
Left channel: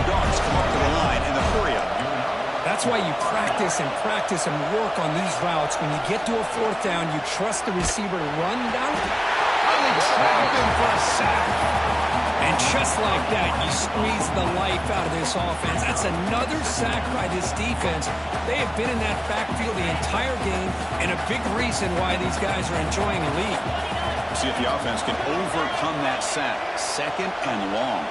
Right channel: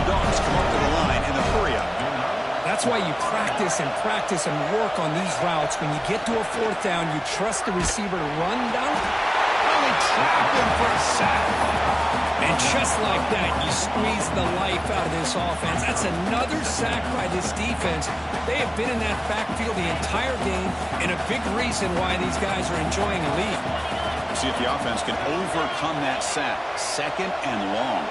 Dogs come up to the line in the hurry-up. That's why you practice and work on these routes. When you get to a fourth down, you trust the receiver to run down. Oh, they trap him for a sack. And just like that, you squeeze the life out of this offense. That's another sack by this defense. They have been in that backfield the entire game, and a big reason why these guys are enjoying a lead. See if the offense can overcome that sack. Second and long.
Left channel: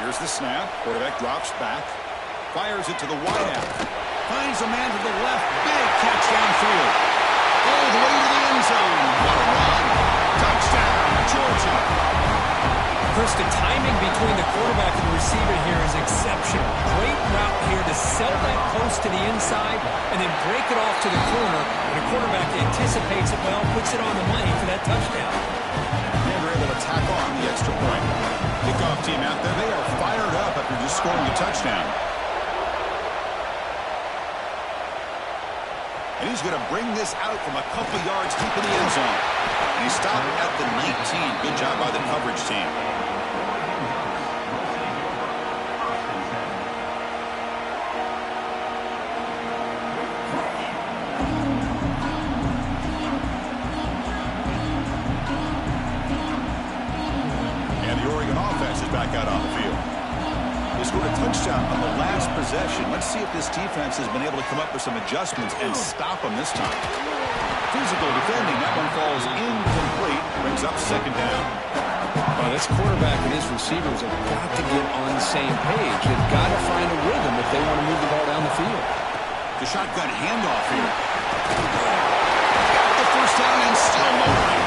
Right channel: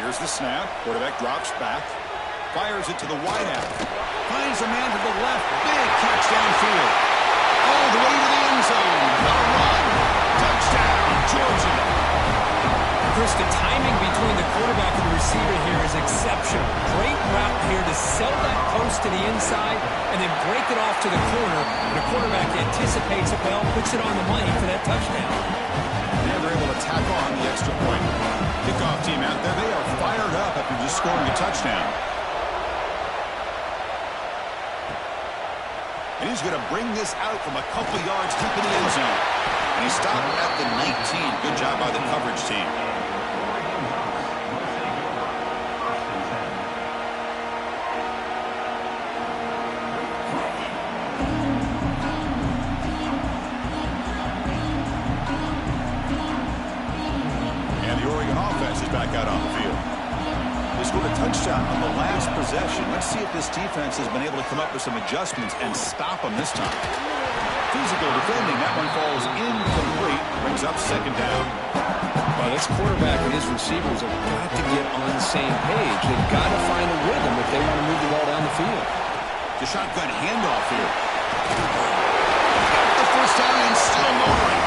Here's the snap. Quarterback drops back. Fires it to the wideout. Finds a man to the left. Big catch downfield. All the way to the end zone. What a run. Touchdown, Georgia. Chris, the timing between the quarterback and the receiver here is exceptional. Great route here to sell that post to the inside and then break it off to the corner. And the quarterback anticipates it well, puts it on the money for that touchdown. And they're able to tack on the extra point. Kickoff team out there, they are fired up after just scoring a touchdown. And he's going to bring this out from a couple yards deep in the end zone. And he stopped at the 19. Good job by the coverage team. And the Oregon offense is back out on the field. They scored a touchdown on the last possession. Let's see if this defense has been able to come up with some adjustments and stop them this time. Physical defending. That one falls incomplete. Brings up second down. Well, this quarterback and his receivers have got to get on the same page. They've got to find a rhythm if they want to move the ball down the field. The shotgun handoff here. Got the first down and still motoring.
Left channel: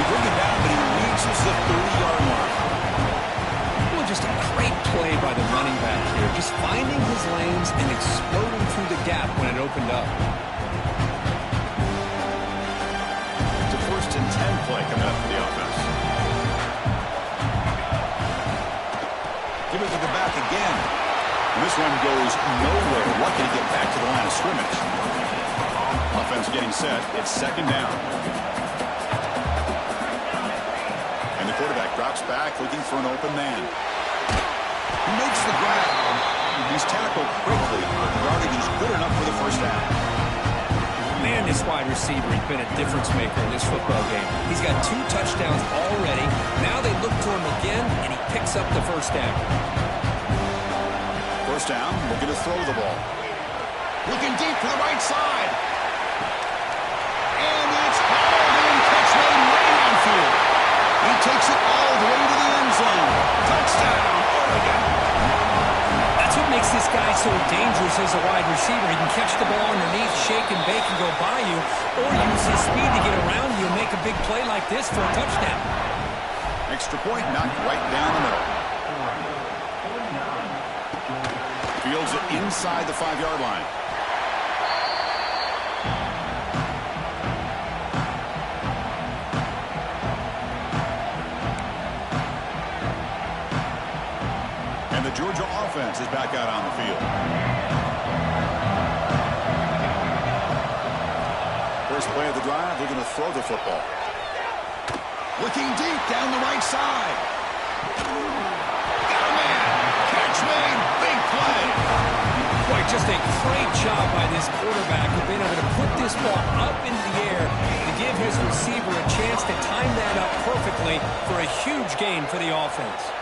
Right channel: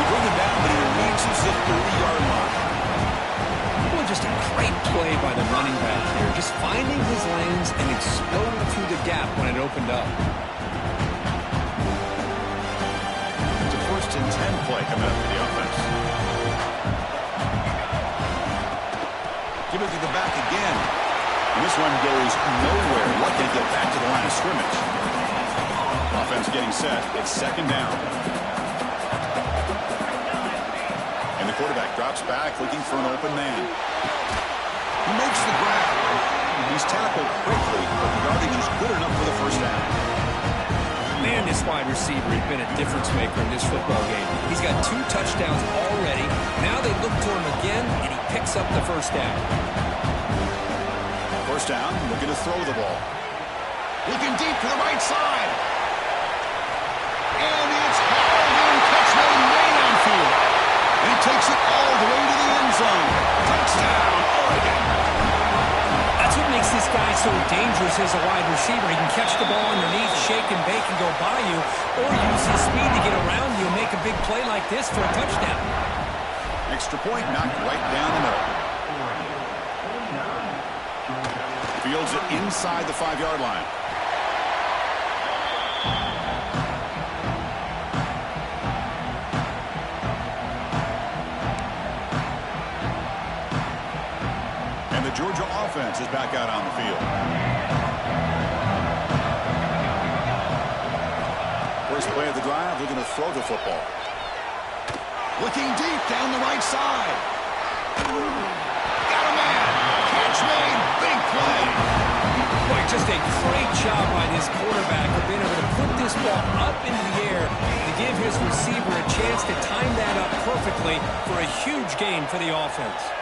We bring him down, but he reaches the 30-yard line. Well, just a great play by the running back here. Just finding his lanes and exploding through the gap when it opened up. It's a 1st and 10 play coming up for the offense. Give it to the back again. And this one goes nowhere. Lucky to get back to the line of scrimmage. Offense getting set. It's second down. And the quarterback drops back looking for an open man. He makes the grab. He's tackled quickly, but the yardage is good enough for the first down. Man, this wide receiver has been a difference maker in this football game. He's got 2 touchdowns already. Now they look to him again, and he picks up the first down. First down, looking to throw the ball. Looking deep to the right side. And it's hauled in, catch made way downfield. And he takes it all the way to the end zone. Touchdown, Oregon. That's what makes this guy so dangerous as a wide receiver. He can catch the ball underneath, shake and bake and go by you, or use his speed to get around you and make a big play like this for a touchdown. Extra point knocked right down the middle. Fields it inside the 5-yard line. the Georgia offense is back out on the field. First play of the drive, they're going to throw the football. Looking deep down the right side. Got a man. Catch made. Big play. Boy, just a great job by this quarterback of being able to put this ball up into the air to give his receiver a chance to time that up perfectly for a huge gain for the offense.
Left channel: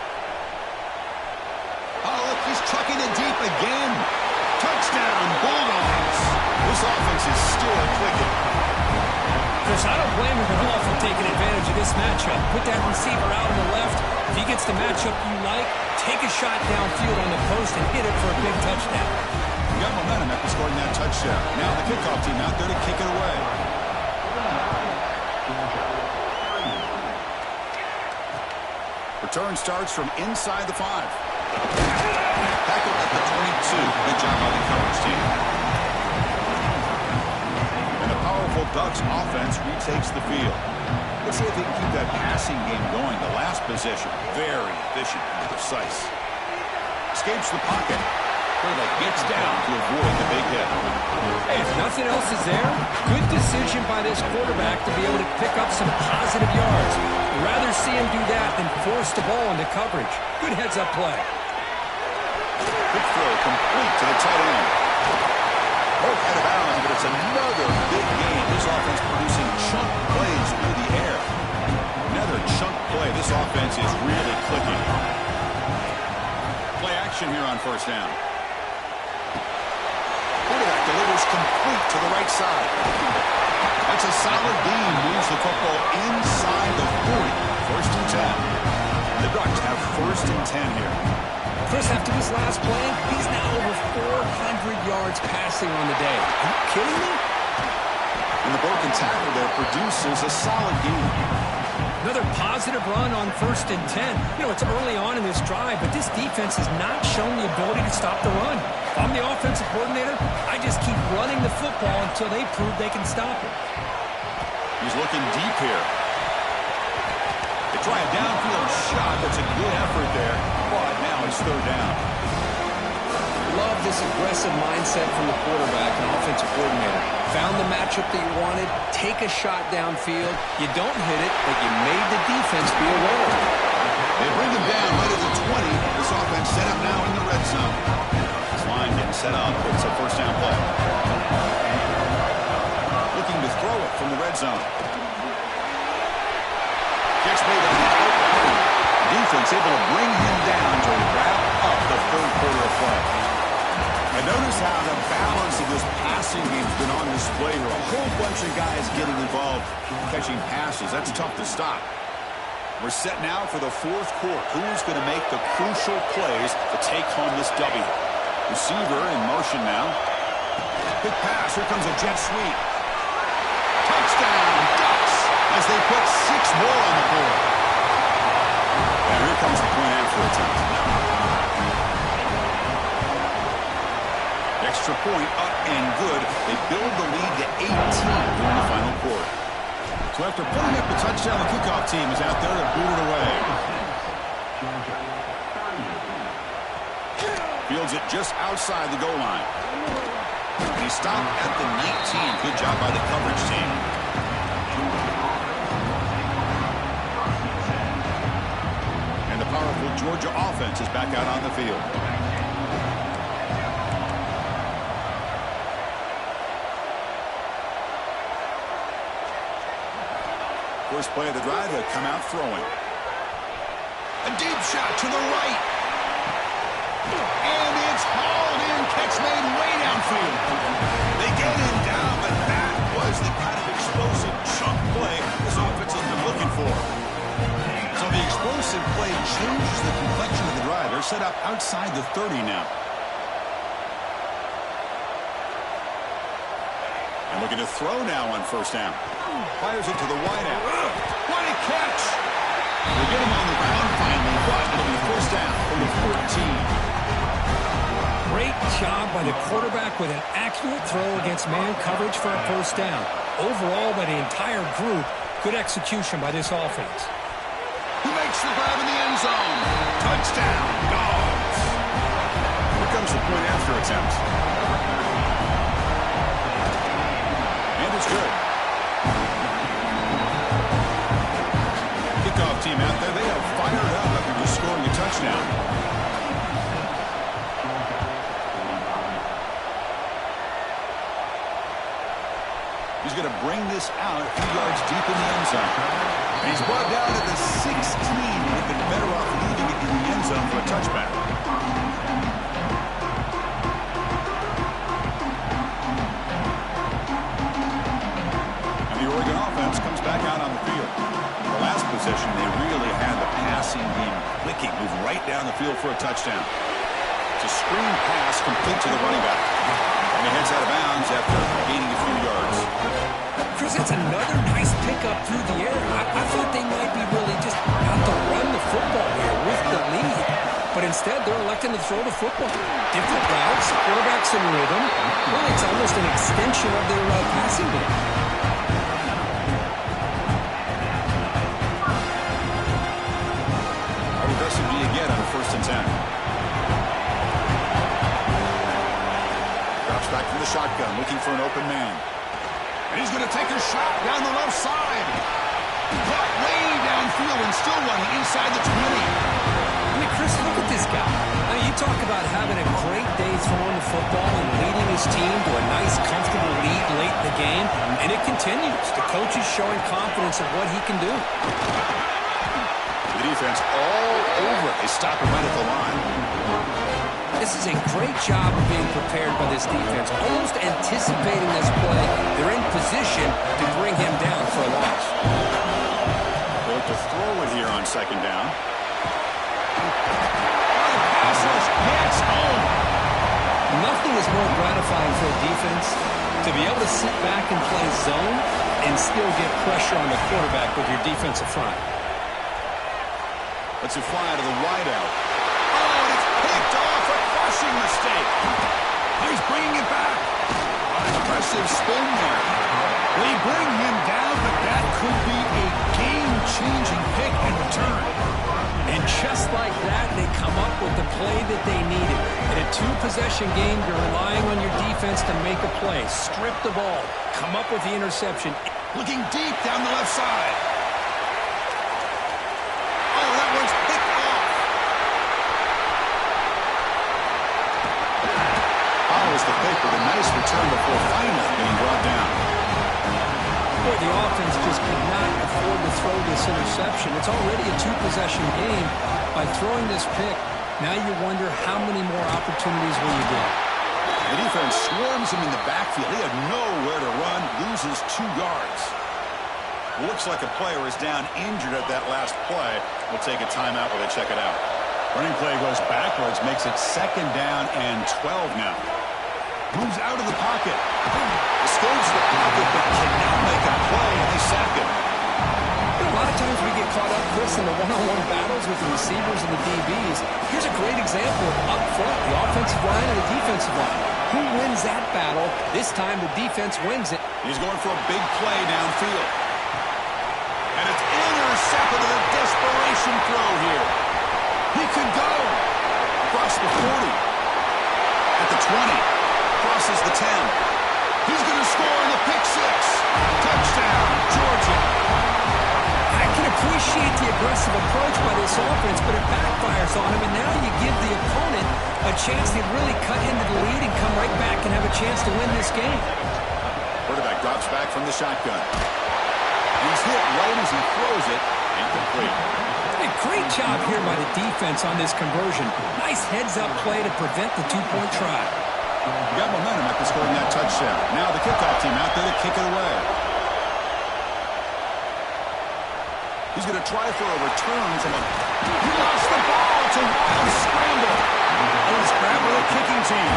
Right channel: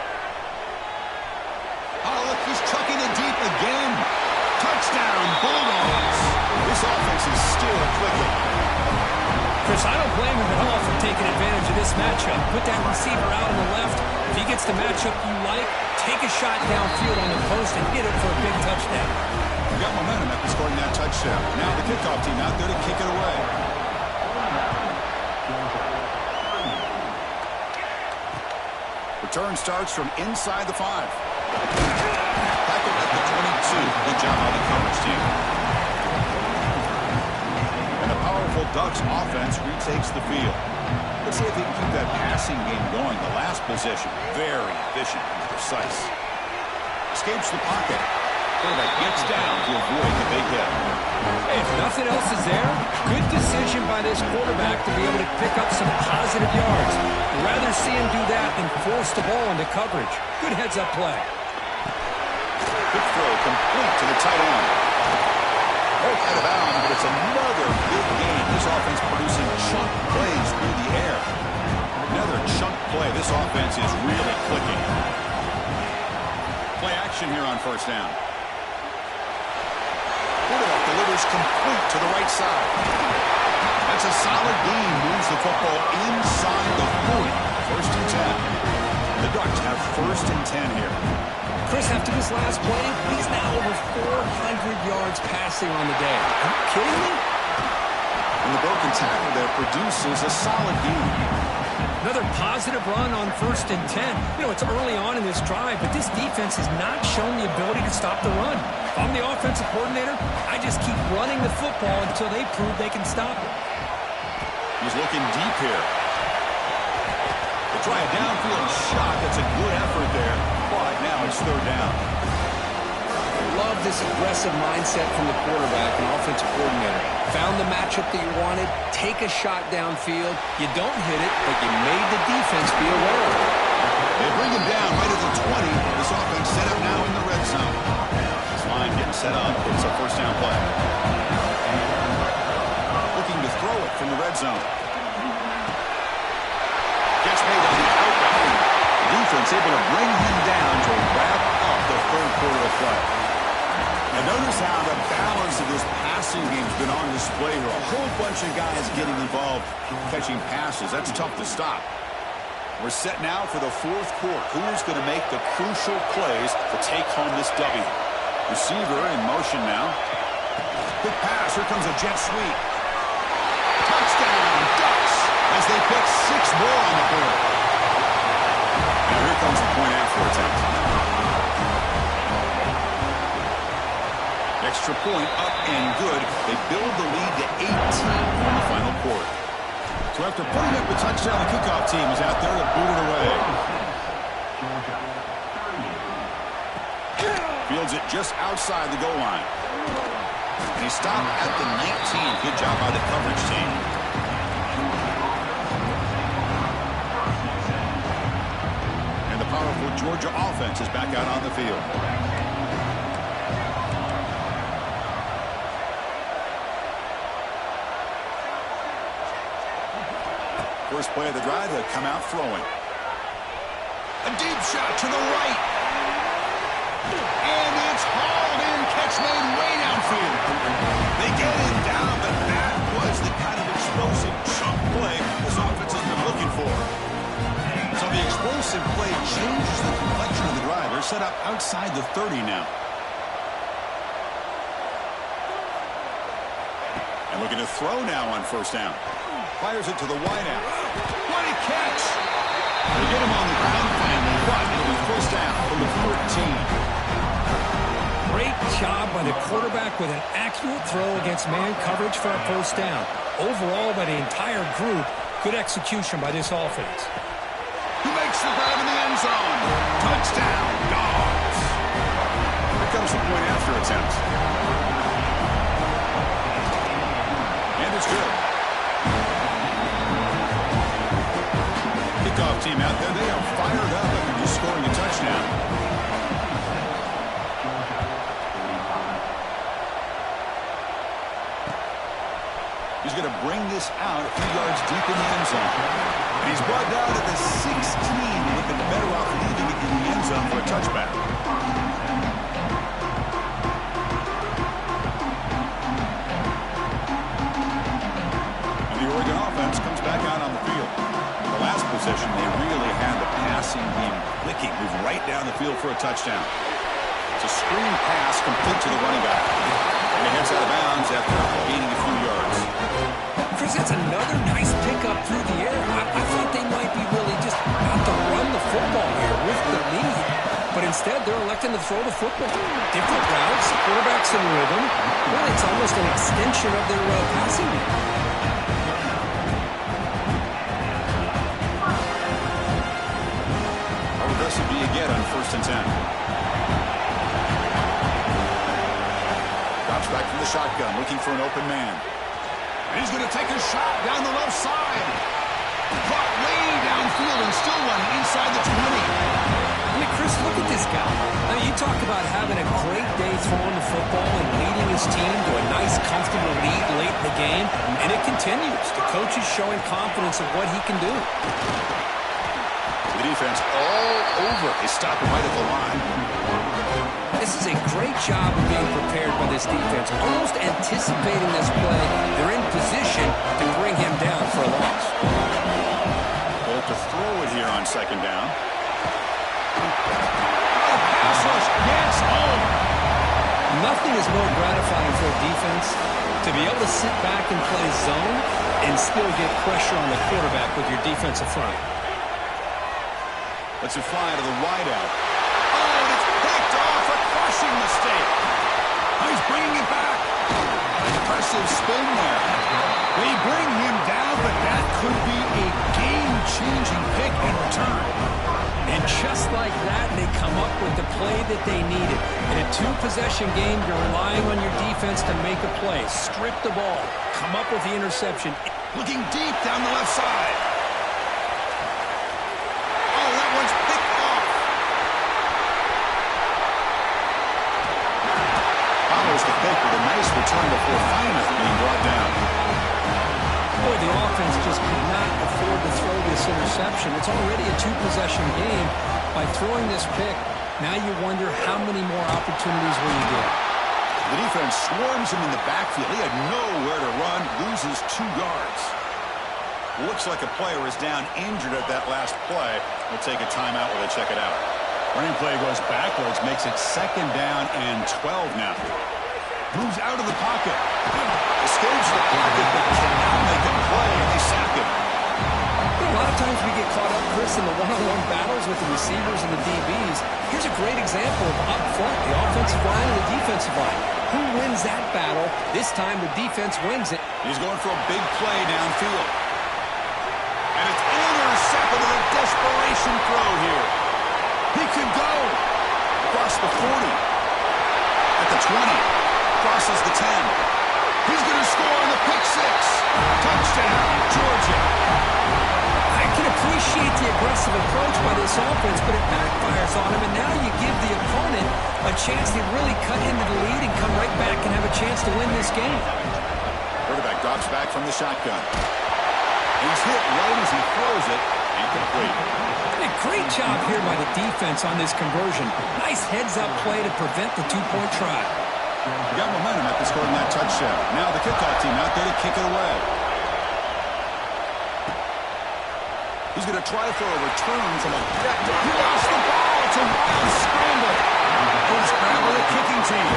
Oh, look, he's trucking it deep again. Touchdown, Bulldogs. This offense is still clicking. Chris, I don't blame him at all for taking advantage of this matchup. Put that receiver out on the left. If he gets the matchup you like, take a shot downfield on the post and hit it for a big touchdown. We got momentum after scoring that touchdown. Now the kickoff team out there to kick it away. Return starts from inside the 5. Tackled at the 22. Good job by the coverage team. And the powerful Ducks offense retakes the field. Let's see if they can keep that passing game going. The last possession, very efficient and precise. Escapes the pocket. Quarterback gets down to avoid the big hit. Hey, if nothing else is there, good decision by this quarterback to be able to pick up some positive yards. I'd rather see him do that than force the ball into coverage. Good heads-up play. Quick throw complete to the tight end. Broke out of bounds, but it's another big game. This offense producing chunk plays through the air. Another chunk play. This offense is really clicking. Play action here on first down. Quarterback delivers complete to the right side. That's a solid gain. Moves the football inside the 40. First and 10. The Ducks have first and 10 here. Chris, after this last play, he's now over 400 yards passing on the day. Are you kidding me? And the broken tackle there produces a solid gain. Another positive run on first and 10. You know, it's early on in this drive, but this defense has not shown the ability to stop the run. If I'm the offensive coordinator, I just keep running the football until they prove they can stop it. He's looking deep here. They try a downfield shot. That's a good effort there. But now it's third down. Love this aggressive mindset from the quarterback and offensive coordinator. Found the matchup that you wanted. Take a shot downfield. You don't hit it, but you made the defense be aware of it. They bring him down right at the 20. This offense set up now in the red zone. This line getting set up. It's a first down play. Looking to throw it from the red zone. Catch made on the out route. Defense able to bring him down to wrap up the third quarter of play. And notice how the balance of this passing game has been on display here. A whole bunch of guys getting involved catching passes. That's tough to stop. We're set now for the fourth quarter. Who's going to make the crucial plays to take home this W? Receiver in motion now. Big pass. Here comes a jet sweep. Touchdown, Ducks, as they put 6 more on the board. Now here comes the point after attempt. Extra point up and good. They build the lead to 18 in the final quarter. So after putting up the touchdown, the kickoff team is out there to boot it away. Fields it just outside the goal line. And he stopped at the 19. Good job by the coverage team. And the powerful Georgia offense is back out on the field. First play of the drive, they come out throwing. A deep shot to the right. And it's hauled in. Catch made way downfield. They get him down, but that was the kind of explosive chunk play this offense has been looking for. So the explosive play changes the complexion of the drive. They're set up outside the 30 now. And looking to throw now on first down. Fires it to the wideout. What a catch! They get him on the ground finally, but it'll be first down from the 14. Great job by the quarterback with an accurate throw against man coverage for a first down. Overall, by the entire group, good execution by this offense. Who makes the grab in the end zone? Touchdown, Dogs! Here comes the point after attempt. And it's good. Kickoff team out there, they are fired up after just scoring a touchdown. He's going to bring this out a few yards deep in the end zone. And he's brought down at the 16. He would have been better off leaving it in the end zone for a touchback. And the Oregon offense comes back out on the field. The last possession, they really had the passing game clicking, move right down the field for a touchdown. It's a screen pass complete to the running back. And he heads out of bounds after gaining a few yards. Chris, that's another nice pickup through the air. I thought they might be really just out to run the football here with the lead. But instead, they're electing to throw the football. Different routes, quarterback's in rhythm. Well, it's almost an extension of their passing game. How aggressive do you get on 1st and 10? Drops back from the shotgun, looking for an open man. And he's going to take a shot down the left side. Caught way downfield and still running inside the 20. I mean, Chris, look at this guy. I mean, you talk about having a great day throwing the football and leading his team to a nice, comfortable lead late in the game, and it continues. The coach is showing confidence of what he can do. The defense all over. They stop him right at the line. This is a great job of being prepared by this defense, almost anticipating this play. They're in position to bring him down for a loss. They'll look to throw it here on 2nd down. Oh, the pass rush gets home. Nothing is more gratifying for a defense to be able to sit back and play zone and still get pressure on the quarterback with your defensive front. Let's it fly to the wideout. Oh, and it's picked off. A crushing mistake. Oh, he's bringing it back. An impressive spin there. They bring him down, but that could be a game-changing pick and return. And just like that, they come up with the play that they needed. In a 2-possession game, you're relying on your defense to make a play. Strip the ball. Come up with the interception. Looking deep down the left side. Oh, that one's picked off. Follows the pick with a nice return before finally being brought down. Boy, the offense just could not afford to throw this interception. It's already a 2-possession game. By throwing this pick, now you wonder how many more opportunities will you get. The defense swarms him in the backfield. He had nowhere to run, loses 2 yards. Looks like a player is down injured at that last play. We'll take a timeout while they check it out. Running play goes backwards, makes it 2nd down and 12 now. Moves out of the pocket. Escapes the pocket, but cannot make a play, and they sack him. You know, a lot of times we get caught up, Chris, in the one-on-one battles with the receivers and the DBs. Here's a great example of up front, the offensive line and the defensive line. Who wins that battle? This time the defense wins it. He's going for a big play downfield. And it's intercepted with a desperation throw here. He could go across the 40, at the 20. Crosses the 10. He's going to score on the pick 6. Touchdown, Georgia. I can appreciate the aggressive approach by this offense, but it backfires on him, and now you give the opponent a chance to really cut into the lead and come right back and have a chance to win this game. Quarterback drops back from the shotgun. He's hit right as he throws it. Incomplete. A great job here by the defense on this conversion. Nice heads-up play to prevent the 2-point try. We got momentum after scoring that touchdown. Now the kickoff team out there to kick it away. He's going to try for a return from a... He lost the ball. It's a wild scramble. Oh, it's grabbed by the kicking team.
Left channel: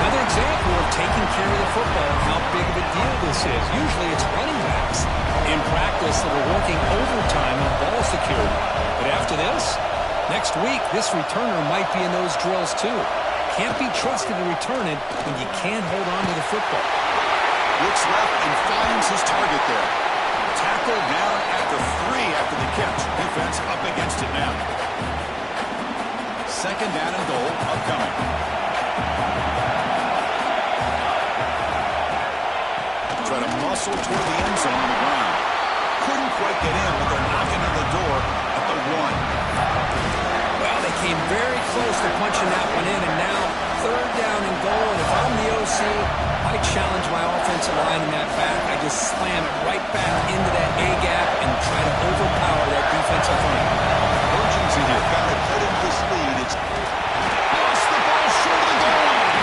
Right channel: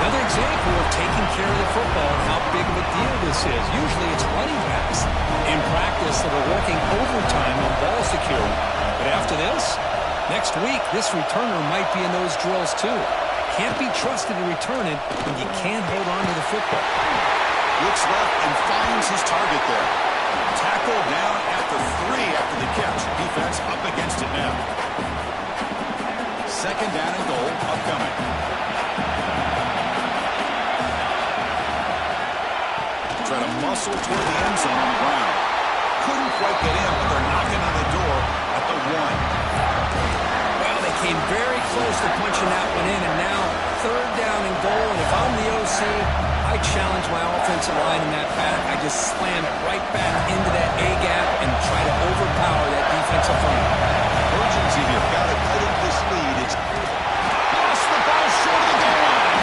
Another example of taking care of the football and how big of a deal this is. Usually it's running backs in practice that are working overtime on ball security. But after this, next week, this returner might be in those drills too. Can't be trusted to return it when you can't hold on to the football. Looks left and finds his target there. Tackle down at the 3 after the catch. Defense up against it now. second down and goal upcoming. Try to muscle toward the end zone on the ground. Couldn't quite get in, but they're knocking on the door at the 1. Well, they came very close to punching that one in, and now third down and goal. And if I'm the OC, I challenge my offensive line in that back. I just slam it right back into that A-gap and try to overpower that defensive front. Urgency here. Got to cut into this lead. It's lost the ball short of the goal line.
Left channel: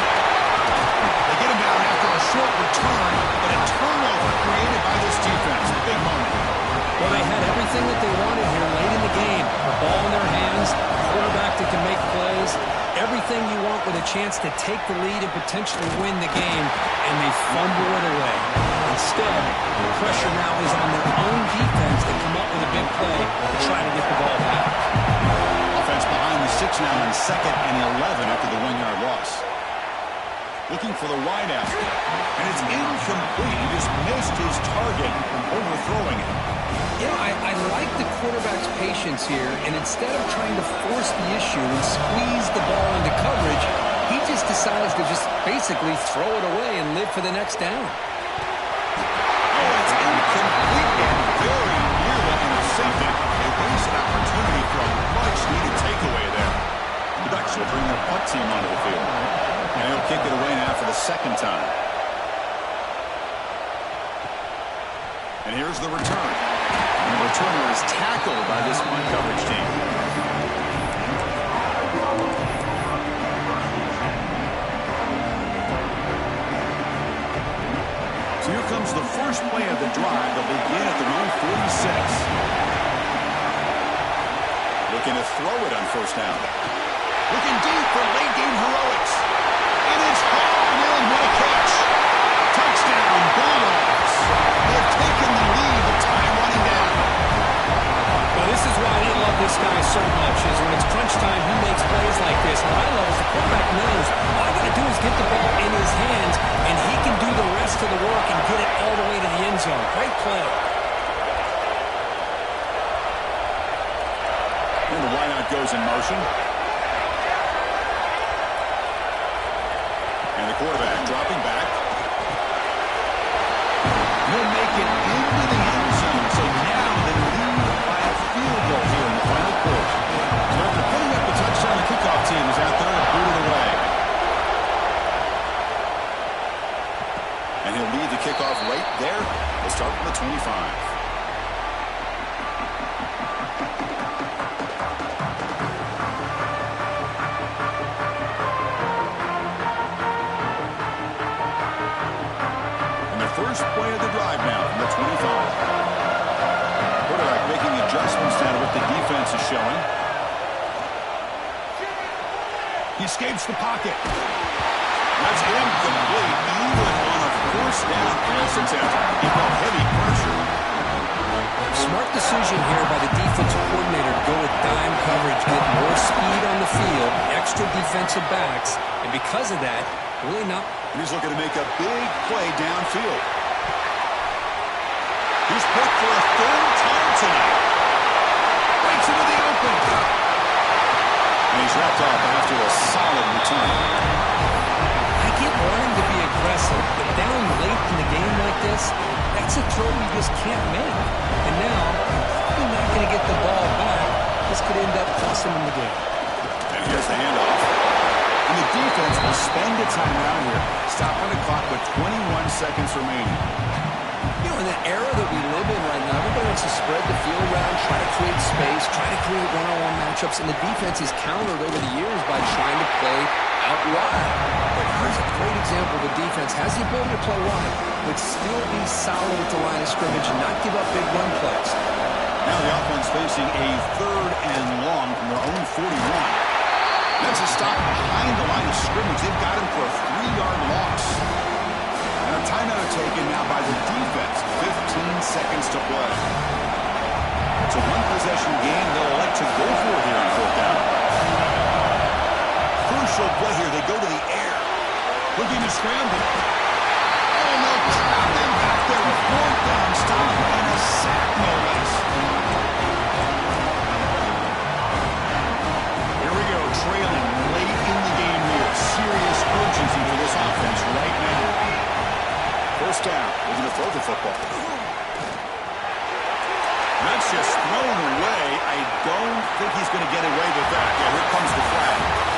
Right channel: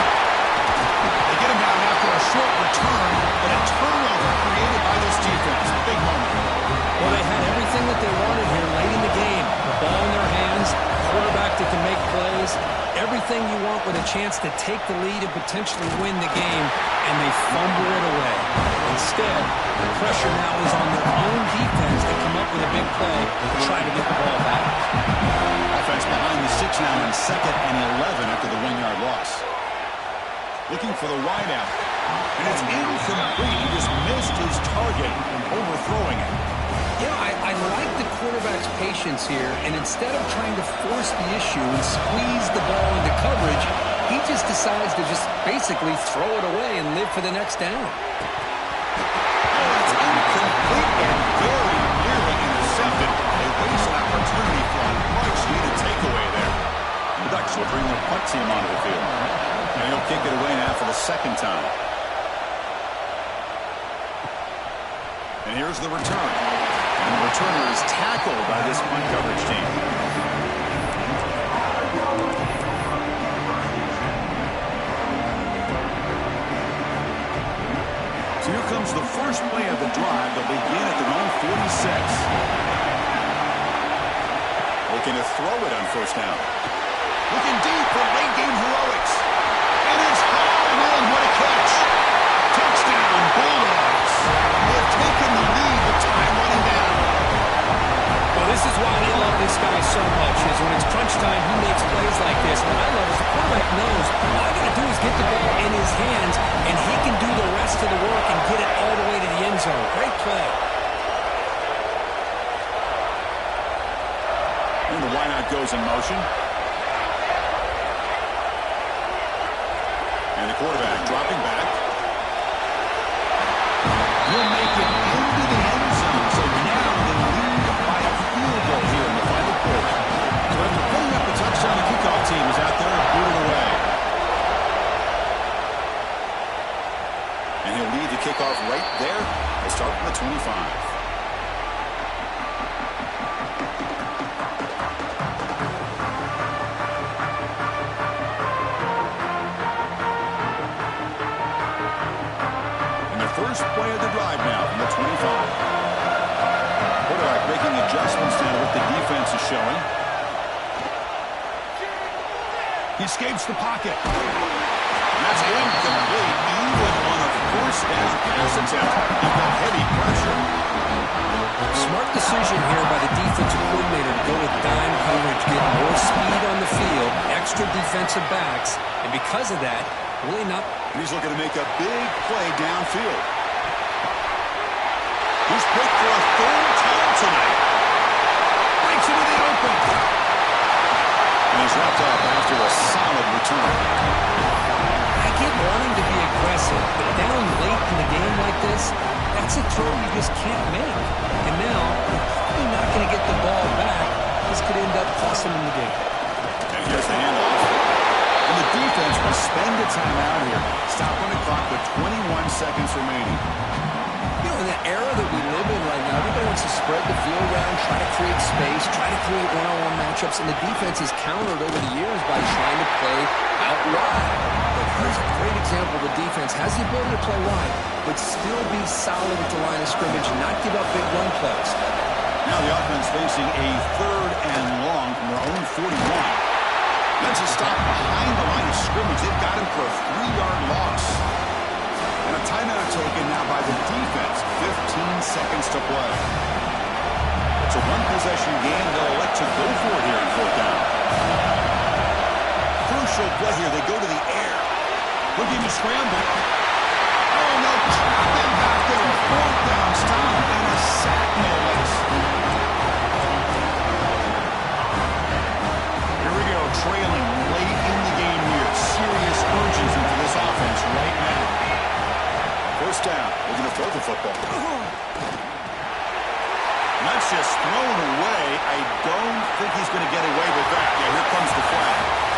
They get him down after a short return, but a turnover created by this defense. Big moment. Well, they had everything that they wanted here late in the game. The ball in their hands, quarterback that can make plays, everything you want with a chance to take the lead and potentially win the game, and they fumble it away. Instead, the pressure now is on their own defense to come up with a big play to try to get the ball back. Offense behind the 6 now on 2nd and 11 after the 1-yard loss. Looking for the wideout, and it's incomplete. He just missed his target from overthrowing it. You know, I like the quarterback's patience here, and instead of trying to force the issue and squeeze the ball into coverage, he just decides to just basically throw it away and live for the next down. Oh, it's incomplete and very nearly intercepted. A wasted opportunity for a much-needed takeaway there. The Ducks will bring their punt team onto the field. And he'll kick it away now for the second time. And here's the return. And the returner is tackled by this punt coverage team. So here comes the first play of the drive. They'll begin at their own 46. Looking to throw it on first down. Looking deep for late-game heroics. And it's hauled in. What a catch. Touchdown, Bulldogs. They have taken the lead with time running down. Well, this is why they love this guy so much, is when it's crunch time, he makes plays like this. What I love is the quarterback knows all I got to do is get the ball in his hands, and he can do the rest of the work and get it all the way to the end zone. Great play. And the wideout goes in motion. And the quarterback dropping back. He'll make it into the end zone. So now they lead by a field goal here in the final quarter. So after putting up the touchdown, the kickoff team is out there and booted away. And he'll lead the kickoff right there. They'll start from the 25. First play of the drive now from the 25. Quarterback making adjustments now to what the defense is showing. He escapes the pocket. That's incomplete. Even on a first down pass attempt, he felt heavy pressure. Smart decision here by the defensive coordinator to go with dime coverage, get more speed on the field, extra defensive backs, and because of that, really not. And he's looking to make a big play downfield. He's picked for a third time tonight. Breaks into the open. And he's wrapped up after a solid return. I get wanting to be aggressive, but down late in the game like this, that's a throw you just can't make. And now, you're probably not going to get the ball back. This could end up costing him the game. And here's the handoff. And the defense will spend a timeout here. Stopping the clock with 21 seconds remaining. You know, in the era that we live in right now, everybody wants to spread the field around, try to create space, try to create one-on-one matchups, and the defense is countered over the years by trying to play out wide. But here's a great example. The defense has the ability to play wide, but still be solid at the line of scrimmage and not give up big run plays. Now the offense facing a third and long from their own 41. That's a stop behind the line of scrimmage. They've got him for a 3-yard loss. And a timeout taken now by the defense. 15 seconds to play. It's a one-possession game. They'll elect to go for it here on fourth down. Crucial play here. They go to the air. Looking to scramble. Oh, no. Trap him back there. A fourth down stop and a sack, no less. Here we go. trailing late in the game here. Serious urgency for this offense right now. First down. They're going to throw the football. And that's just thrown away. I don't think he's going to get away with that. Yeah, here comes the flag.